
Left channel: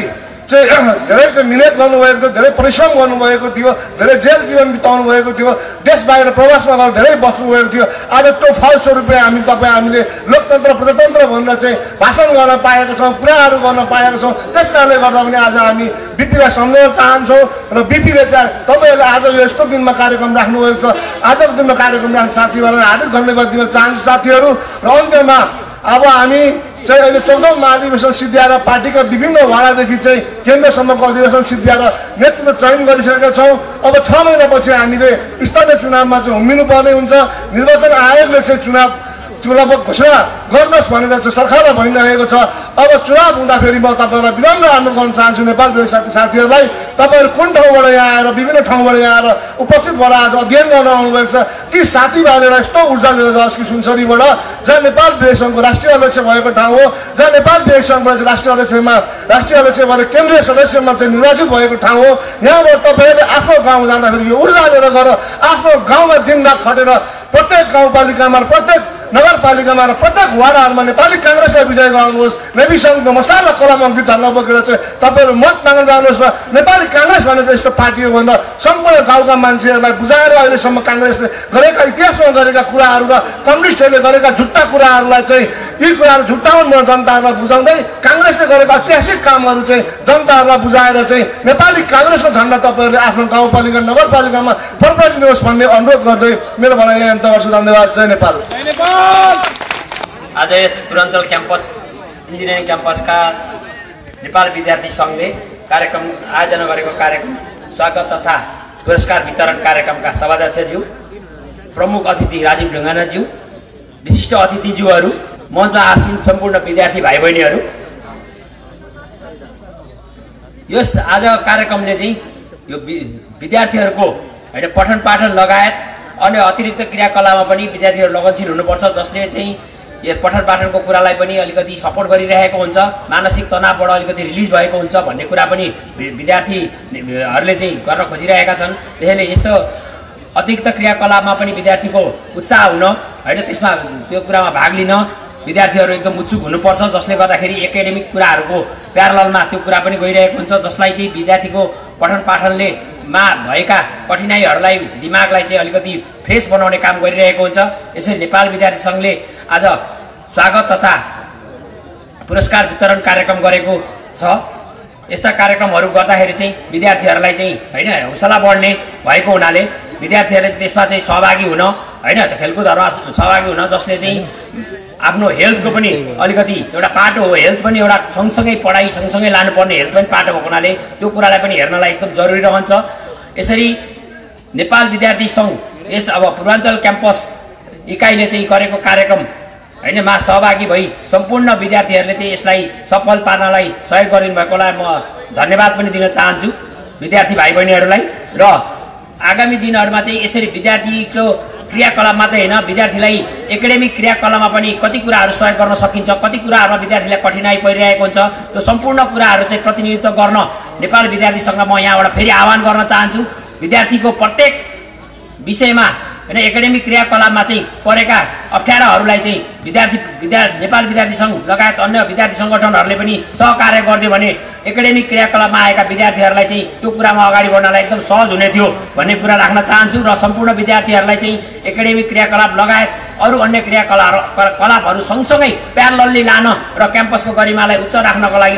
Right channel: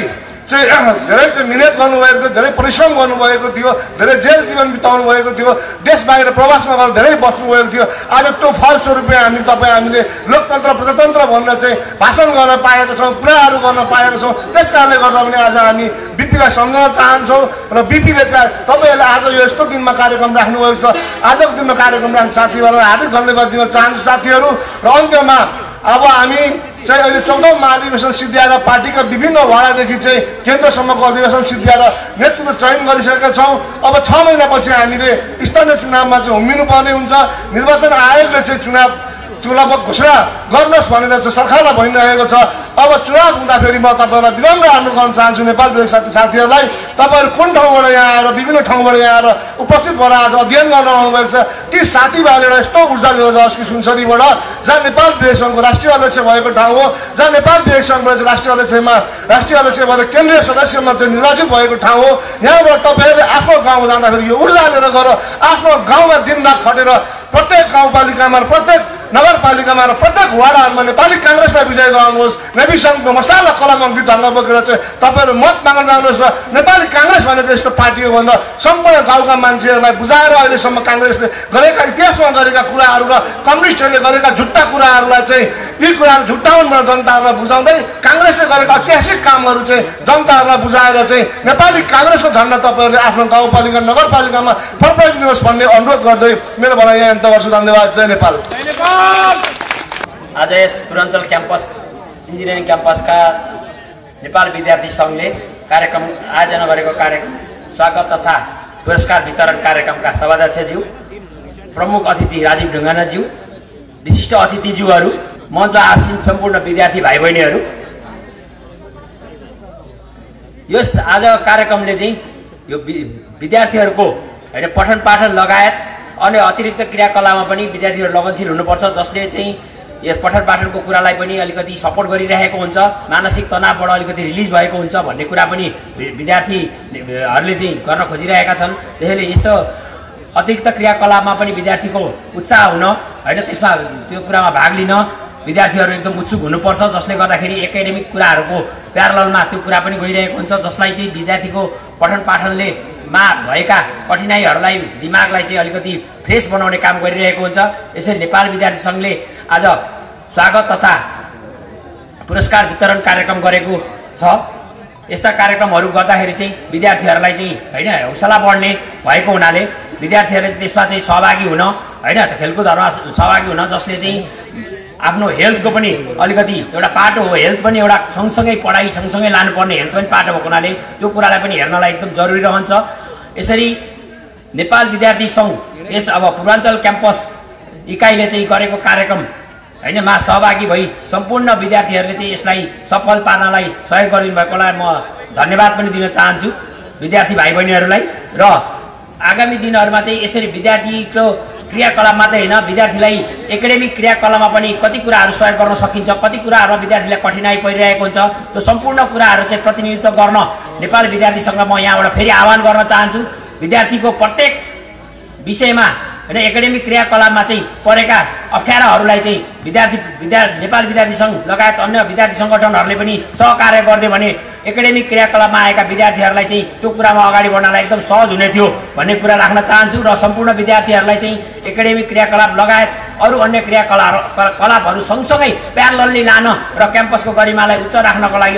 मिहिनेत गर्नुभएको थियो, धेरै परिश्रम गर्नुभएको थियो, धेरै जेल जीवन बिताउनु भएको थियो, देश बाहिर प्रवासमा गएर धेरै बस्नुभएको थियो। आज त्यो फलस्वरूप हामीले लोकतन्त्र प्रजातन्त्र भनेर चाहिँ भाषण गर्न पाएका छौँ, कुराहरू गर्न पाएका छौँ। त्यस कारणले गर्दा पनि आज हामी बिपीलाई सम्झाउन चाहन्छौँ र बिपीले चाहिँ तपाईँहरूले आज यो यस्तो दिनमा कार्यक्रम राख्नुभएको छ। आजको दिनमा कार्यक्रम राख्ने साथीहरूलाई हार्दिक धन्यवाद दिन चाहन्छु साथीहरू। र अन्त्यमा अब हामी चाहिँ अहिले 14औं महाधिवेशन सिद्ध्याएर पार्टीका विभिन्न वाडादेखि चाहिँ केन्द्रसम्मको अधिवेशन सिद्ध्याएर नेतृत्व चयन गरिसकेका छौँ। अब 6 महिनापछि हामीले स्थानीय चुनावमा चाहिँ हुमिनु पर्ने हुन्छ। निर्वाचन आयोगले चाहिँ चुनाव घोषणा गर्नुहोस् भनेर चाहिँ सरकारलाई भनिरहेको छ। अब चुनाव हुँदाखेरि म तपाईँलाई विनम्र अनुरोध गर्न चाहन्छु नेपाल विद्यासङ्घका साथीहरूलाई, तपाईँहरू कुन ठाउँबाट यहाँ आएर विभिन्न ठाउँबाट यहाँ आएर उपस्थित भएर आज अध्ययन गर्न आउनुभएको छ ती साथीभाइले यस्तो ऊर्जा लिएर जाओस् कि सुनसरीबाट जहाँ नेपाल विद्यासङ्घको राष्ट्रिय अध्यक्ष भएको ठाउँ हो, जहाँ नेपाल विद्यासङ्घबाट चाहिँ राष्ट्रिय अध्यक्ष भएर केन्द्रीय सदस्यमा चाहिँ निर्वाचित भएको ठाउँ हो। यहाँबाट तपाईँहरूले आफ्नो गाउँ जाँदाखेरि यो ऊर्जा लिएर गएर आफ्नो गाउँमा दिनरात खटेर प्रत्येक गाउँपालिकामा प्रत्येक नगरपालिकामा र प्रत्येक वाडाहरूमा नेपाली काङ्ग्रेसलाई विजय गराउनुहोस्। नेवी सङ्घको मसाला कलामन्त्री ढङ्ग बोकेर चाहिँ तपाईँहरू मत माग्न जानुहोस्। नेपाली काङ्ग्रेस भनेको यस्तो पार्टी हो भन्दा सम्पूर्ण गाउँका मान्छेहरूलाई बुझाएर अहिलेसम्म काङ्ग्रेसले गरेका इतिहासमा गरेका कुराहरू र कम्युनिस्टहरूले गरेका झुट्टा कुराहरूलाई चाहिँ यी कुराहरू झुट्टाउनु जनताहरूलाई बुझाउँदै काङ्ग्रेसले गरेका ऐतिहासिक कामहरू चाहिँ जनताहरूलाई बुझाएर चाहिँ नेपाली काङ्ग्रेसको झन्डा तपाईँहरूले आफ्नो गाउँपालिका नगरपालिकामा फर्काइदिनुहोस् भन्ने अनुरोध गर्दै मेरो भनाइ यहाँ अन्त गर्छु। धन्यवाद। जय नेपाल। आज यस पूर्वाञ्चल क्याम्पस इन्जिनियरिङ क्याम्पसका नेपाल विद्यार्थी सङ्घले कार्यक्रम आयोजना गरेको कार्यक्रम स्वागत तथा पुरस्कार वितरण कार्यक्रमका सभाध्यक्षज्यू, प्रमुख अतिथि राजीव ढुङ्गानाज्यू, विशिष्ट अतिथिज्यूहरू, मञ्चमा आसीन सम्पूर्ण विद्यार्थी भाइ बहिनीहरू, यस आज कार्यक्रमले चाहिँ यो विद्यार्थीहरूको होइन पठन पाठन लगायत अन्य अतिरिक्त क्रियाकलापमा पनि विद्यार्थीहरू लगनशील हुनुपर्छ, जसले चाहिँ यो पठन पाठनको कुरालाई पनि अलिकति सपोर्ट गरिरहेको हुन्छ, मानसिक तनावबाट अलिकति रिलिज भएको हुन्छ भन्ने कुरा पनि विद्यार्थीहरूले चाहिँ गर्न खोजिरहेका छन्। त्यसैले यस्तो अतिरिक्त क्रियाकलापमा पनि विद्यार्थीको उत्साह हुन होइन त्यसमा त्यो कुरामा भाग लिन विद्यार्थीहरू एकदम उत्सुक हुनुपर्छ, जसले गर्दाखेरि एकाडेमिक कुराहरूको प्यारललमा त्यो कुरा पनि गइरहेको हुन्छ, जसलाई चाहिँ विद्यार्थीको पठन पाठनले मा भएका कठिनाइहरूलाई दिमागलाई चाहिँ अलिकति फ्रेस बनाउने काम गरिरहेको हुन्छ। यसरी नेपाल विद्यार्थी संघले आज स्वागत तथा पुरस्कार वितरण कार्यक्रम गरेको छ। यस्ता कार्यक्रमहरू गर्दाखेरि चाहिँ विद्यार्थीहरूलाई चाहिँ होइन हौसला बढ्ने भएको हुनाले विद्यार्थीहरूले त्यसमा चाहिँ सहभागी हुन होइन खेलकुदहरूमा सहभागी हुन, जसले चाहिँ आफ्नो हेल्थको पनि अलिकति एउटा पाटो हो, हेल्थ पनि एउटा सँगसँगै पढाइ सँगसँगै लानुपर्ने हेल्थ पनि पाटो भएको हुनाले त्यो कुरालाई पनि हेर्नलाई एकदम जरुरी रहन्छ। यसरी नेपाल विद्यार्थी संघ यस अब पूर्वाञ्चल क्याम्पस इकाइले चाहिँ गरेको कार्यक्रम होइन मा सहभागी भई सम्पूर्ण विद्यार्थीहरूले चाहिँ यसलाई सफल पार्नलाई सहयोग गरिदिनु भएकोलाई म धन्यवाद पनि दिन चाहन्छु विद्यार्थी भाइ बहिनीहरूलाई। र आगामी दिनहरूमा चाहिँ यसरी विद्यार्थीको क्रियाकलाप मात्रै होइन, विद्यार्थीलाई एकाडेमिक क्रियाकलापमा पनि कति कुराहरू सहयोग गर्न सकिन्छ, कति कुराहरूमा विद्यार्थीलाई कठिनाइ परिरहेको हुन्छ, त्यो सम्पूर्ण कुराहरू चाहिँ प्रतिनिधित्व गर्न नेपाल विद्यार्थी संघ म यहाँबाट फेरि आह्वान गर्न चाहन्छु। विद्यार्थीको प्रत्येक विषयमा होइन एकाडेमिक क्रियाकलापमा चाहिँ परेका अप्ठ्याराहरूलाई चाहिँ नेपाल विद्यार्थी संघ लगायत अन्य विद्यार्थी सङ्गठनहरूले पनि सहकार्य गरिदियो भने एकाडेमिक क्रियाकलापमा आएका विद्यार्थीहरूलाई चाहिँ त्यो कुरामा अगाडि बढ्नलाई एकदम सहज हुने थियो भन्ने कुरा राख्न चाहन्छु। र सम्पूर्ण विद्यार्थीहरूलाई चाहिँ एकाडेमिक क्रियाकलाप लगायत अरू अन्य क्रियाकलापहरू सँगसँगै प्यारलली लान र क्याम्पसको गरिमालाई उच्च राख्नको लागि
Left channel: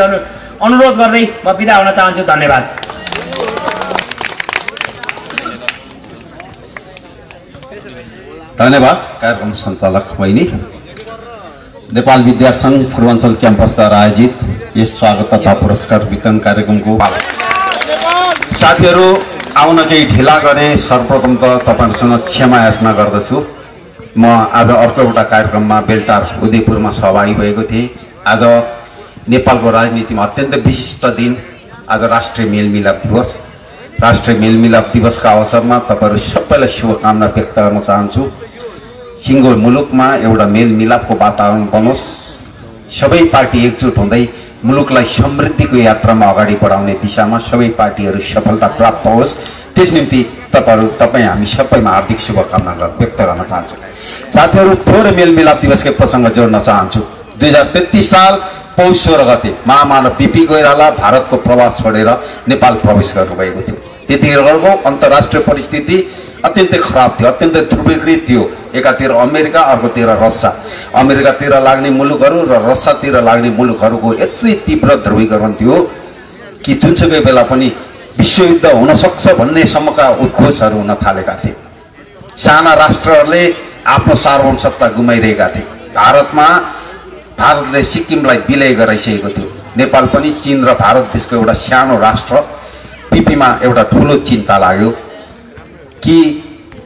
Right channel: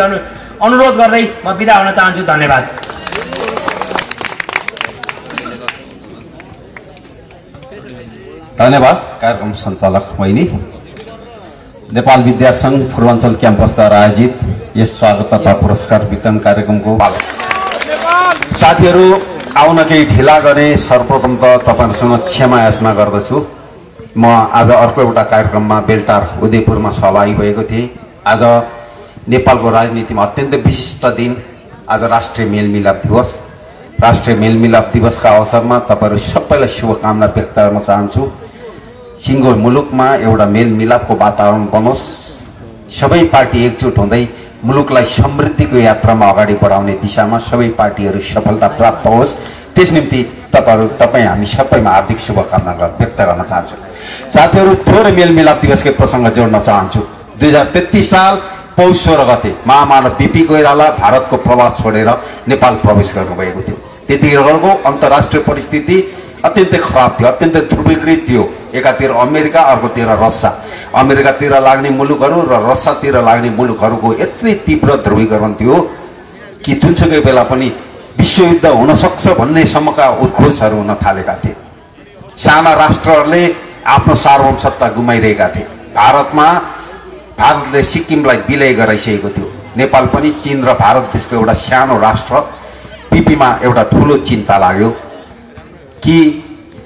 अनुरोध गर्दै म बिदा हुन चाहन्छु। धन्यवाद। धन्यवाद कार्यक्रम सञ्चालक बहिनी। नेपाल विद्यार्थी संघ पूर्वाञ्चल क्याम्पसद्वारा आयोजित यस स्वागत तथा पुरस्कार वितरण कार्यक्रमको साथीहरू आउन केही ढिला गरे, सर्वप्रथम त तपाईँहरूसँग क्षमा याचना गर्दछु। म आज अर्को एउटा कार्यक्रममा बेलटार उदयपुरमा सहभागी भएको थिएँ। आज नेपालको राजनीतिमा अत्यन्त विशिष्ट दिन, आज राष्ट्रिय मेलमिलाप दिवस। राष्ट्रिय मेलमिलाप दिवसका अवसरमा तपाईँहरू सबैलाई शुभकामना व्यक्त गर्न चाहन्छु। सिङ्गो मुलुकमा एउटा मेलमिलापको वातावरण बनोस्, सबै पार्टी एकजुट हुँदै मुलुकलाई समृद्धिको यात्रामा अगाडि बढाउने दिशामा सबै पार्टीहरू सफलता प्राप्त होस्, त्यस निम्ति तपाईँ हामी सबैमा हार्दिक शुभकामना व्यक्त गर्न चाहन्छु। साथीहरू थोरै मेलमिलाप दिवसकै प्रसङ्ग जोड्न चाहन्छु। 2033 साल पौष 16 गते महामानव बिपी कोइराला भारतको प्रवास छोडेर नेपाल प्रवेश गर्नुभएको थियो। त्यतिखेरको अन्तर्राष्ट्रिय परिस्थिति अत्यन्तै खराब थियो, अत्यन्तै ध्रुवीकृत थियो। एकातिर अमेरिका, अर्कोतिर रसिया। अमेरिकातिर लाग्ने मुलुकहरू र रसियातिर लाग्ने मुलुकहरूको यति तीव्र ध्रुवीकरण थियो कि जुनसुकै बेला पनि विश्वयुद्ध हुन सक्छ भन्ने सम्मका उद्घोषहरू हुन थालेका थिए। साना राष्ट्रहरूले आफ्नो सार्वभौमसत्ता गुमाइरहेका थिए। भारतले सिक्किमलाई विलय गराइसकेको थियो। नेपाल पनि चीन र भारत बीचको एउटा सानो राष्ट्र। पिपीमा एउटा ठुलो चिन्ता लाग्यो कि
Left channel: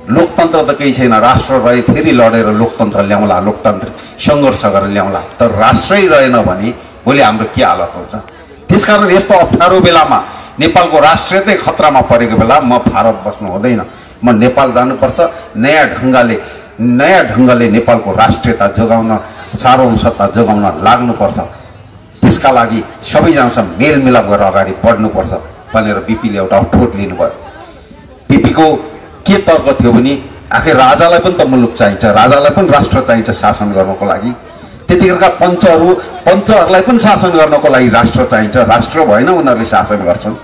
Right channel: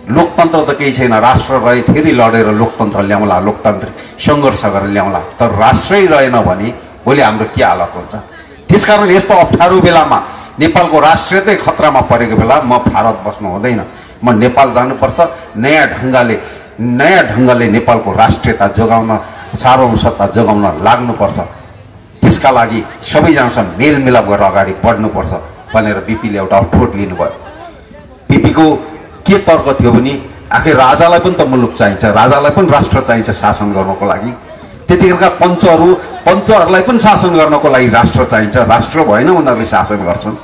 लोकतन्त्र त केही छैन, राष्ट्र रहे फेरि लडेर लोकतन्त्र ल्याउँला, लोकतान्त्रिक सङ्घर्ष गरेर ल्याउँला, तर राष्ट्रै रहेन भने भोलि हाम्रो के हालत हुन्छ। त्यसकारण यस्तो अप्ठ्यारो बेलामा नेपालको राष्ट्रियतै खतरामा परेको बेला म भारत बस्नु हुँदैन, म नेपाल जानुपर्छ। नयाँ ढङ्गले नेपालको राष्ट्रियता जोगाउन, सार्वभौमसत्ता जोगाउन लाग्नुपर्छ। त्यसका लागि सबैजनासँग मेलमिलाप गरेर अगाडि बढ्नुपर्छ भनेर बिपीले एउटा अठोट लिनुभयो। बिपीको के तर्क थियो भने आखिर राजालाई पनि त मुलुक चाहिन्छ, राजालाई पनि राष्ट्र चाहिन्छ शासन गर्नको लागि। त्यतिखेरका पञ्चहरूलाई पनि शासन गर्नको लागि राष्ट्र चाहिन्छ, राष्ट्र भएन उनीहरूले शासन गर्छन्।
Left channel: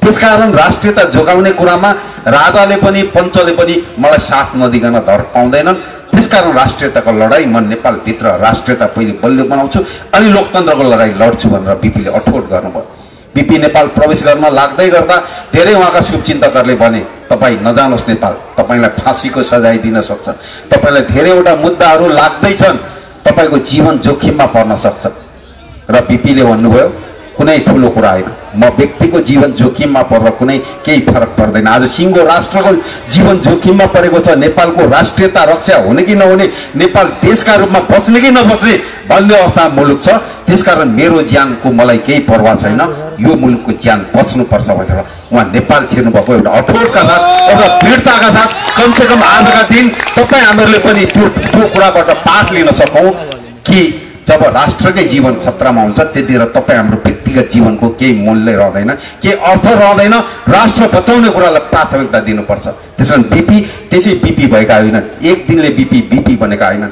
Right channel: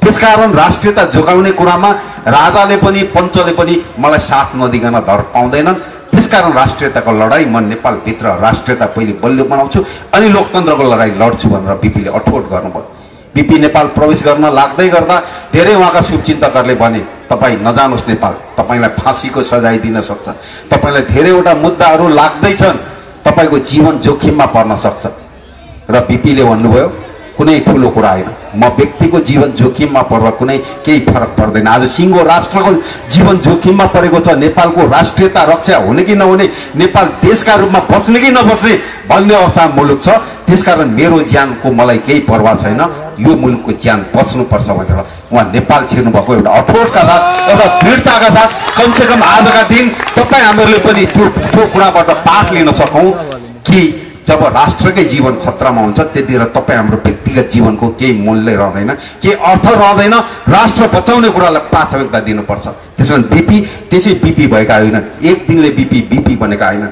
त्यसकारण राष्ट्रियता जोगाउने कुरामा राजाले पनि पञ्चले पनि मलाई साथ नदिकन धर पाउँदैनन्। त्यसकारण राष्ट्रियताको लडाईँ म नेपालभित्र राष्ट्रियता पहिले बलियो बनाउँछु अनि लोकतन्त्रको लडाईँ लड्छु भनेर बिपीले अठोट गर्नुभयो। बिपी नेपाल प्रवेश गर्न लाग्दै गर्दा धेरै उहाँका शुभचिन्तकहरूले भने तपाईँ नजानुहोस् नेपाल, तपाईँलाई फाँसीको सजाय दिन सक्छ, तपाईँलाई धेरैवटा मुद्दाहरू लाग्दैछन्, तपाईँको जीवन जोखिममा पर्न सक्छ। र बिपीले भन्नुभयो कुनै ठुलो कुरा होइन। म व्यक्तिको जीवन जोखिममा पर्दा कुनै केही फरक पर्दैन। आज सिङ्गो राष्ट्रको जीवन जोखिममा परेको छ। नेपालको राष्ट्रियता रक्षा हुने कि नहुने, नेपाल देशका रूपमा बच्ने कि नबच्ने भन्ने अवस्थामा मुलुक छ। त्यसकारण मेरो ज्यानको मलाई केही परवाह छैन। यो मुलुकको ज्यान बच्नुपर्छ भनेर उहाँ नेपाल छिर्नु भएको एउटा अठोटका साथ, एउटा दृढताका साथ कमसेकम आजका दिन तपाईँ हामीहरूले पनि त्यो कुराबाट पाठ लिन सकौँ कि जब राष्ट्रकै जीवन खतरामा हुन्छ त्यतिखेर तपाईँ हाम्रो व्यक्तिगत जीवनको केही मूल्य रहँदैन, केही अर्थ रहँदैन। राष्ट्र बचाउने कुरालाई प्राथमिकता दिनुपर्छ। त्यसकारण बिपी त्यसै बिपी भएका होइन, एक दिनले बिपी बनेका होइन।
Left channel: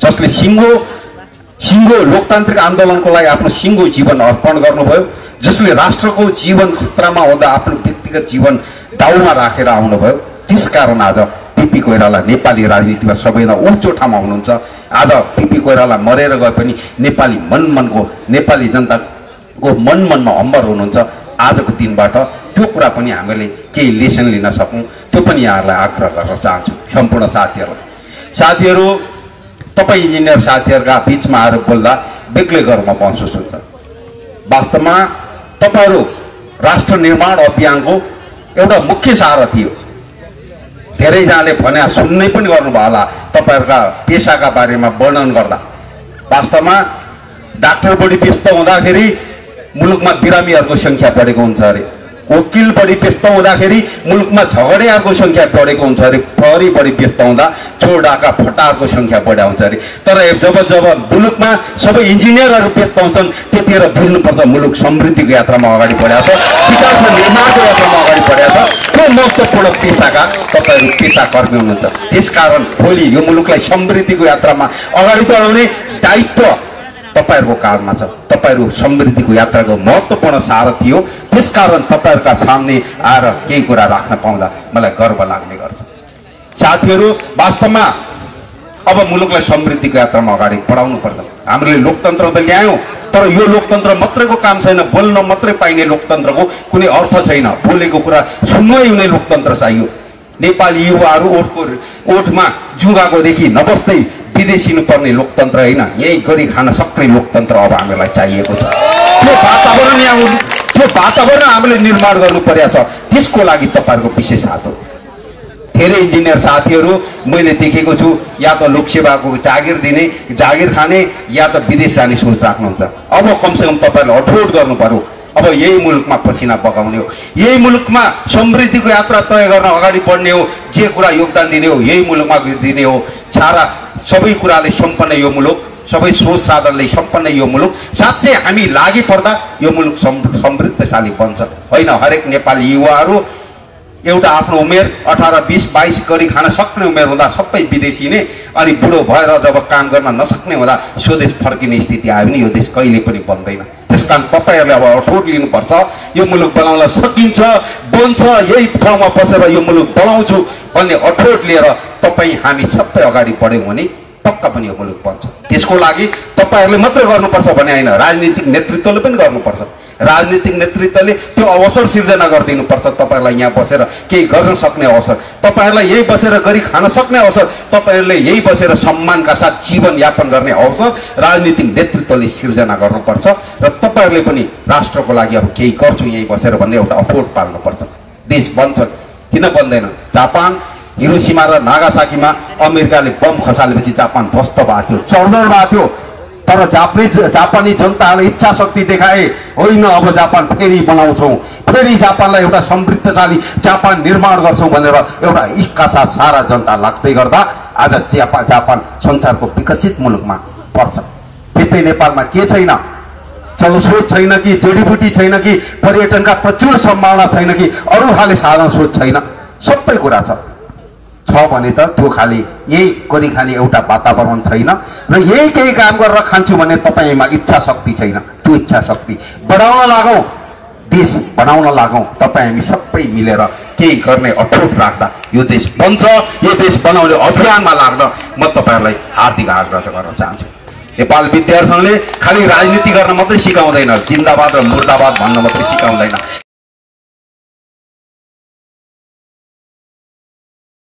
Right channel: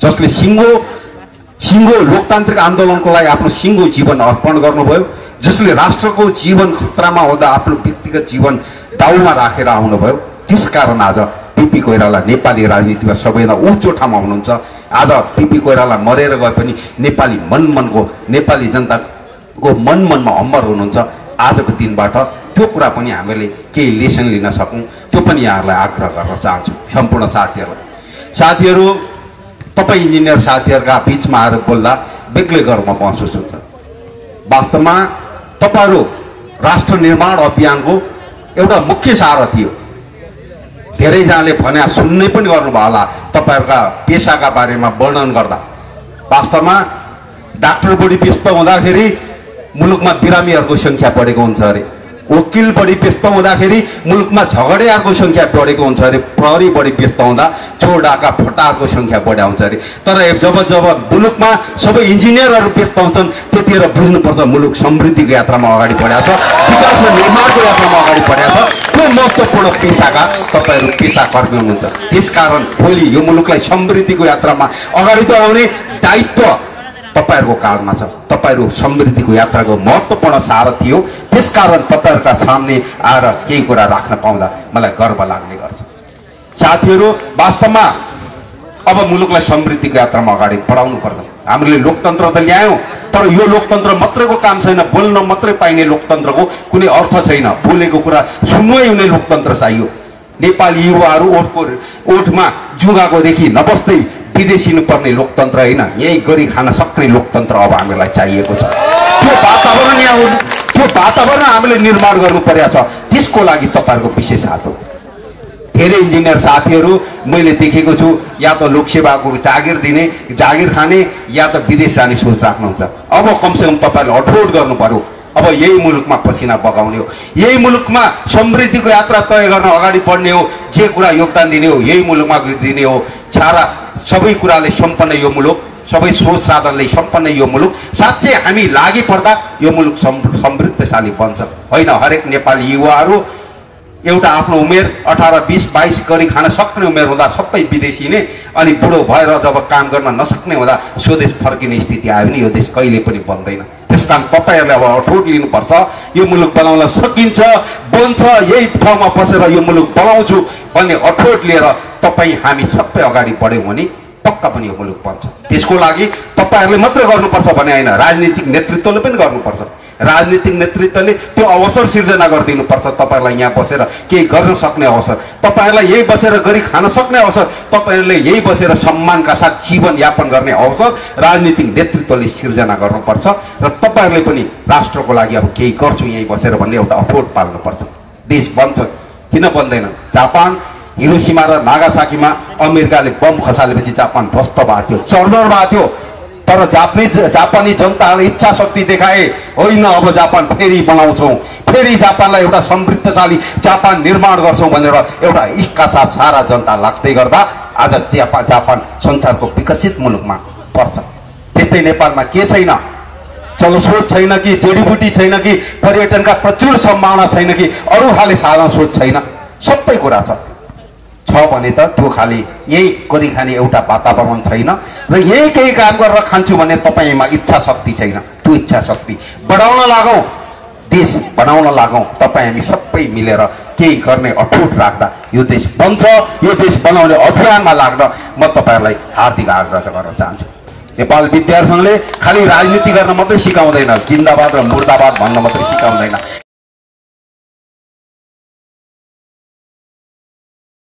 जसले सिङ्गो लोकतान्त्रिक आन्दोलनको लागि आफ्नो सिङ्गो जीवन अर्पण गर्नुभयो, जसले राष्ट्रको जीवन खतरामा हुँदा आफ्नो व्यक्तिगत जीवन दाउमा राखेर आउनुभयो, त्यसकारण आज बिपी कोइराला नेपाली राजनीतिमा सबैभन्दा उच्च ठाउँमा हुनुहुन्छ। आज बिपी कोइराला मरेर गए पनि नेपाली जनताको मनमा अम्बर हुनुहुन्छ। आजको दिनबाट त्यो कुरा पनि हामीले केही लेसन लिन सकौँ, त्यो पनि यहाँहरूलाई आग्रह गर्न चाहन्छु। सम्पूर्ण साथीहरू तपाईँ इन्जिनियर साथीहरूका बिचमा आएर बोल्दा बेग्लै गर्वमा महसुस हुन्छ। वास्तवमा तपाईँहरू राष्ट्र निर्माण अभियानको एउटा मुख्य सारथी हो। धेरैजनाले भने सुन्नै पनि गर्नुभयो होला तपाईँहरूका पेसाका बारेमा वर्णन गर्दा। वास्तवमा डाक्टर बढी व्यस्त हुँदाखेरि मुलुकमा बिरामीहरूको संख्या बढेको हुन्छ अरे, वकिल बढी व्यस्त हुँदाखेरि मुलुकमा झगडेहरूको संख्या बढेको हुन्छ अरे, प्रहरी बढी व्यस्त हुँदा चोर डाका फटाहरूको संख्या बढ्या हुन्छ अरे। तर जब मुलुकमा सबै इन्जिनियरहरू व्यस्त हुन्छन् त्यतिखेर बुझ्नुपर्छ मुलुक समृद्धिको यात्रामा अगाडि बढेको छ, विकासको निर्माणको यात्रामा अगाडि बढेको छ। त्यो महत्त्वपूर्ण पेसाका तपाईँहरू पेसाकर्मी हुनुहुन्छ। त्यसकारण भोलि यो मुलुकलाई समृद्धिको यात्रामा अगाडि बढाउने दायित्व तपाईहरूको काँधमा छ। तपाईँहरू समृद्धिको यात्राको महत्त्वपूर्ण सारथी हो। त्यसकारण तपाईँहरूका सामने आएर केही कुरा राख्न पाउँदा मलाई गर्व लाग्ने गर्छ। साथीहरू वास्तवमा अब मुलुकलाई समृद्धिको यात्रामा अगाडि बढाउनु पर्छ। हामीले लोकतन्त्र त ल्यायौँ, तर यो लोकतन्त्र मात्रैको काम छैन। बोल्न मात्रै पाइने लोकतन्त्रको कुनै अर्थ छैन। बोलेको कुरा सुन्नै हुने लोकतन्त्र चाहियो। नेपाली युवाहरू ओठमा जुगाकोदेखि नबस्दै विदेशिनु पर्ने लोकतन्त्र होइन, यही गरी खान सक्ने लोकतन्त्र अब हामीलाई चाहिएको छ। त्यो वातावरण हामीले निर्माण गर्नु परेको छ। त्यसको लागि तपाईँहरूको विशेष हात हो। धेरै इन्जिनियर साथीहरू मैले देखेको छु या त लोकसेवाको जागिर खाने या त विदेश जाने सोच राख्नुहुन्छ। अब कमसेकम तपाईँहरूले अठोट गर्नु पर्यो। अब यही मुलुकमा पसिना बगाउने हो, यही मुलुकमा समृद्धिको यात्रा तय गर्न अगाडि बढ्ने हो। जे कुरा योगदान दिने हो यही मुलुकमा दिने हो। सबै कुराले सम्पन्न यो मुलुक, सबै स्रोत साधनले सम्पन्न यो मुलुक। साँच्चै हामी लागि पर्दा यो मुलुक समृद्धशाली बन्छ। होइन, हरेक नेपाली युवाहरू एउटा आफ्नो उमेर 18, 20, 22 गरी खान सक्ने उमेर हुँदा सबै विदेशी नै, अनि बुढो भएर जब काम गर्न नसक्ने हुँदा स्वदेश फर्किने स्थिति आयो भने यो देश कहिले पनि बन्दैन। त्यसकारण तपाईँहरूले अब अठोट लिनुपर्छ। यो मुलुक बनाउन सकिन्छ, बन्छ। यही ठाउँमा बसेर यो मुलुक बनाउँछु भन्ने अठोट लिएर तपाईँ हामी सबै अगाडि बढ्यौँ भने पक्का पनि यो मुलुक बन्छ। त्यसको लागि तपाईँहरूले मात्रै गर्नुपर्छ भने होइन, राजनीतिक नेतृत्वले पनि गर्नुपर्छ। राजनीतिक नेतृत्वले त्यो अवसर सिर्जना गरिदिनुपर्छ। तपाईँहरूलाई यहाँ बसेर केही गर्न सक्ने अवसर, तपाईँहरूलाई यही बसेर गरी खान सक्ने अवसर, तपाईँहरूले यही बसेर सम्मानका साथ जीवनयापन गर्ने अवसर राजनीतिक नेतृत्वले सिर्जना गर्नुपर्छ। र तपाईँहरूले पनि राष्ट्रको लागि अब केही गर्छु यही बसेर भन्ने एउटा अठोट पाल्नुपर्छ। देश बन्छ किन बन्दैन? जापान हिरोसिमा र नागासाकीमा अमेरिकाले बम खसालेपछि जापान ध्वस्त भएको थियो, चर्दर भएको थियो। तर जापानी जनताले इच्छा शक्ति देखाए, होइन अब जापान फेरि बनाउँछौँ, फेरि जापानलाई एउटा समृद्धशाली जापान निर्माण गर्छौँ भनेर एउटा इच्छाका साथ सारा जनता लाग्दै गर्दा आज जापान संसारको विकसित मुलुकमा पर्छ। त्यस्तै नेपालमा के छैन? जलस्रोत छैन कि, जडीबुटी छैन कि, पर्यटनका प्रचुर सम्भावना छैन कि, अरू खाले साधन स्रोत छैन? सबै कुरा छ भने त त्यो खाली यही गरी खाने एउटा वातावरण छैन र यही केही काम गरेर खान्छु भने तपाईँमा इच्छा शक्ति छैन। त्यो इच्छा शक्ति बढाउन लागौँ, देश बनाउन लागौँ। तपाईँ हामी सबै मिलेर केही गर्ने अठोट राख्दा यो देश बन्छ। यो देश बनाउने अभियानमा लाग्न म तपाईँहरूलाई हार्दिक आग्रह गर्न चाहन्छु। नेपाल विद्यार्थी संघले खालि राजनीति गर्न मात्रै सिकाउँदैन, जिन्दाबाद र मुर्दाबाद भन्न मात्रै सिकाउँदैन।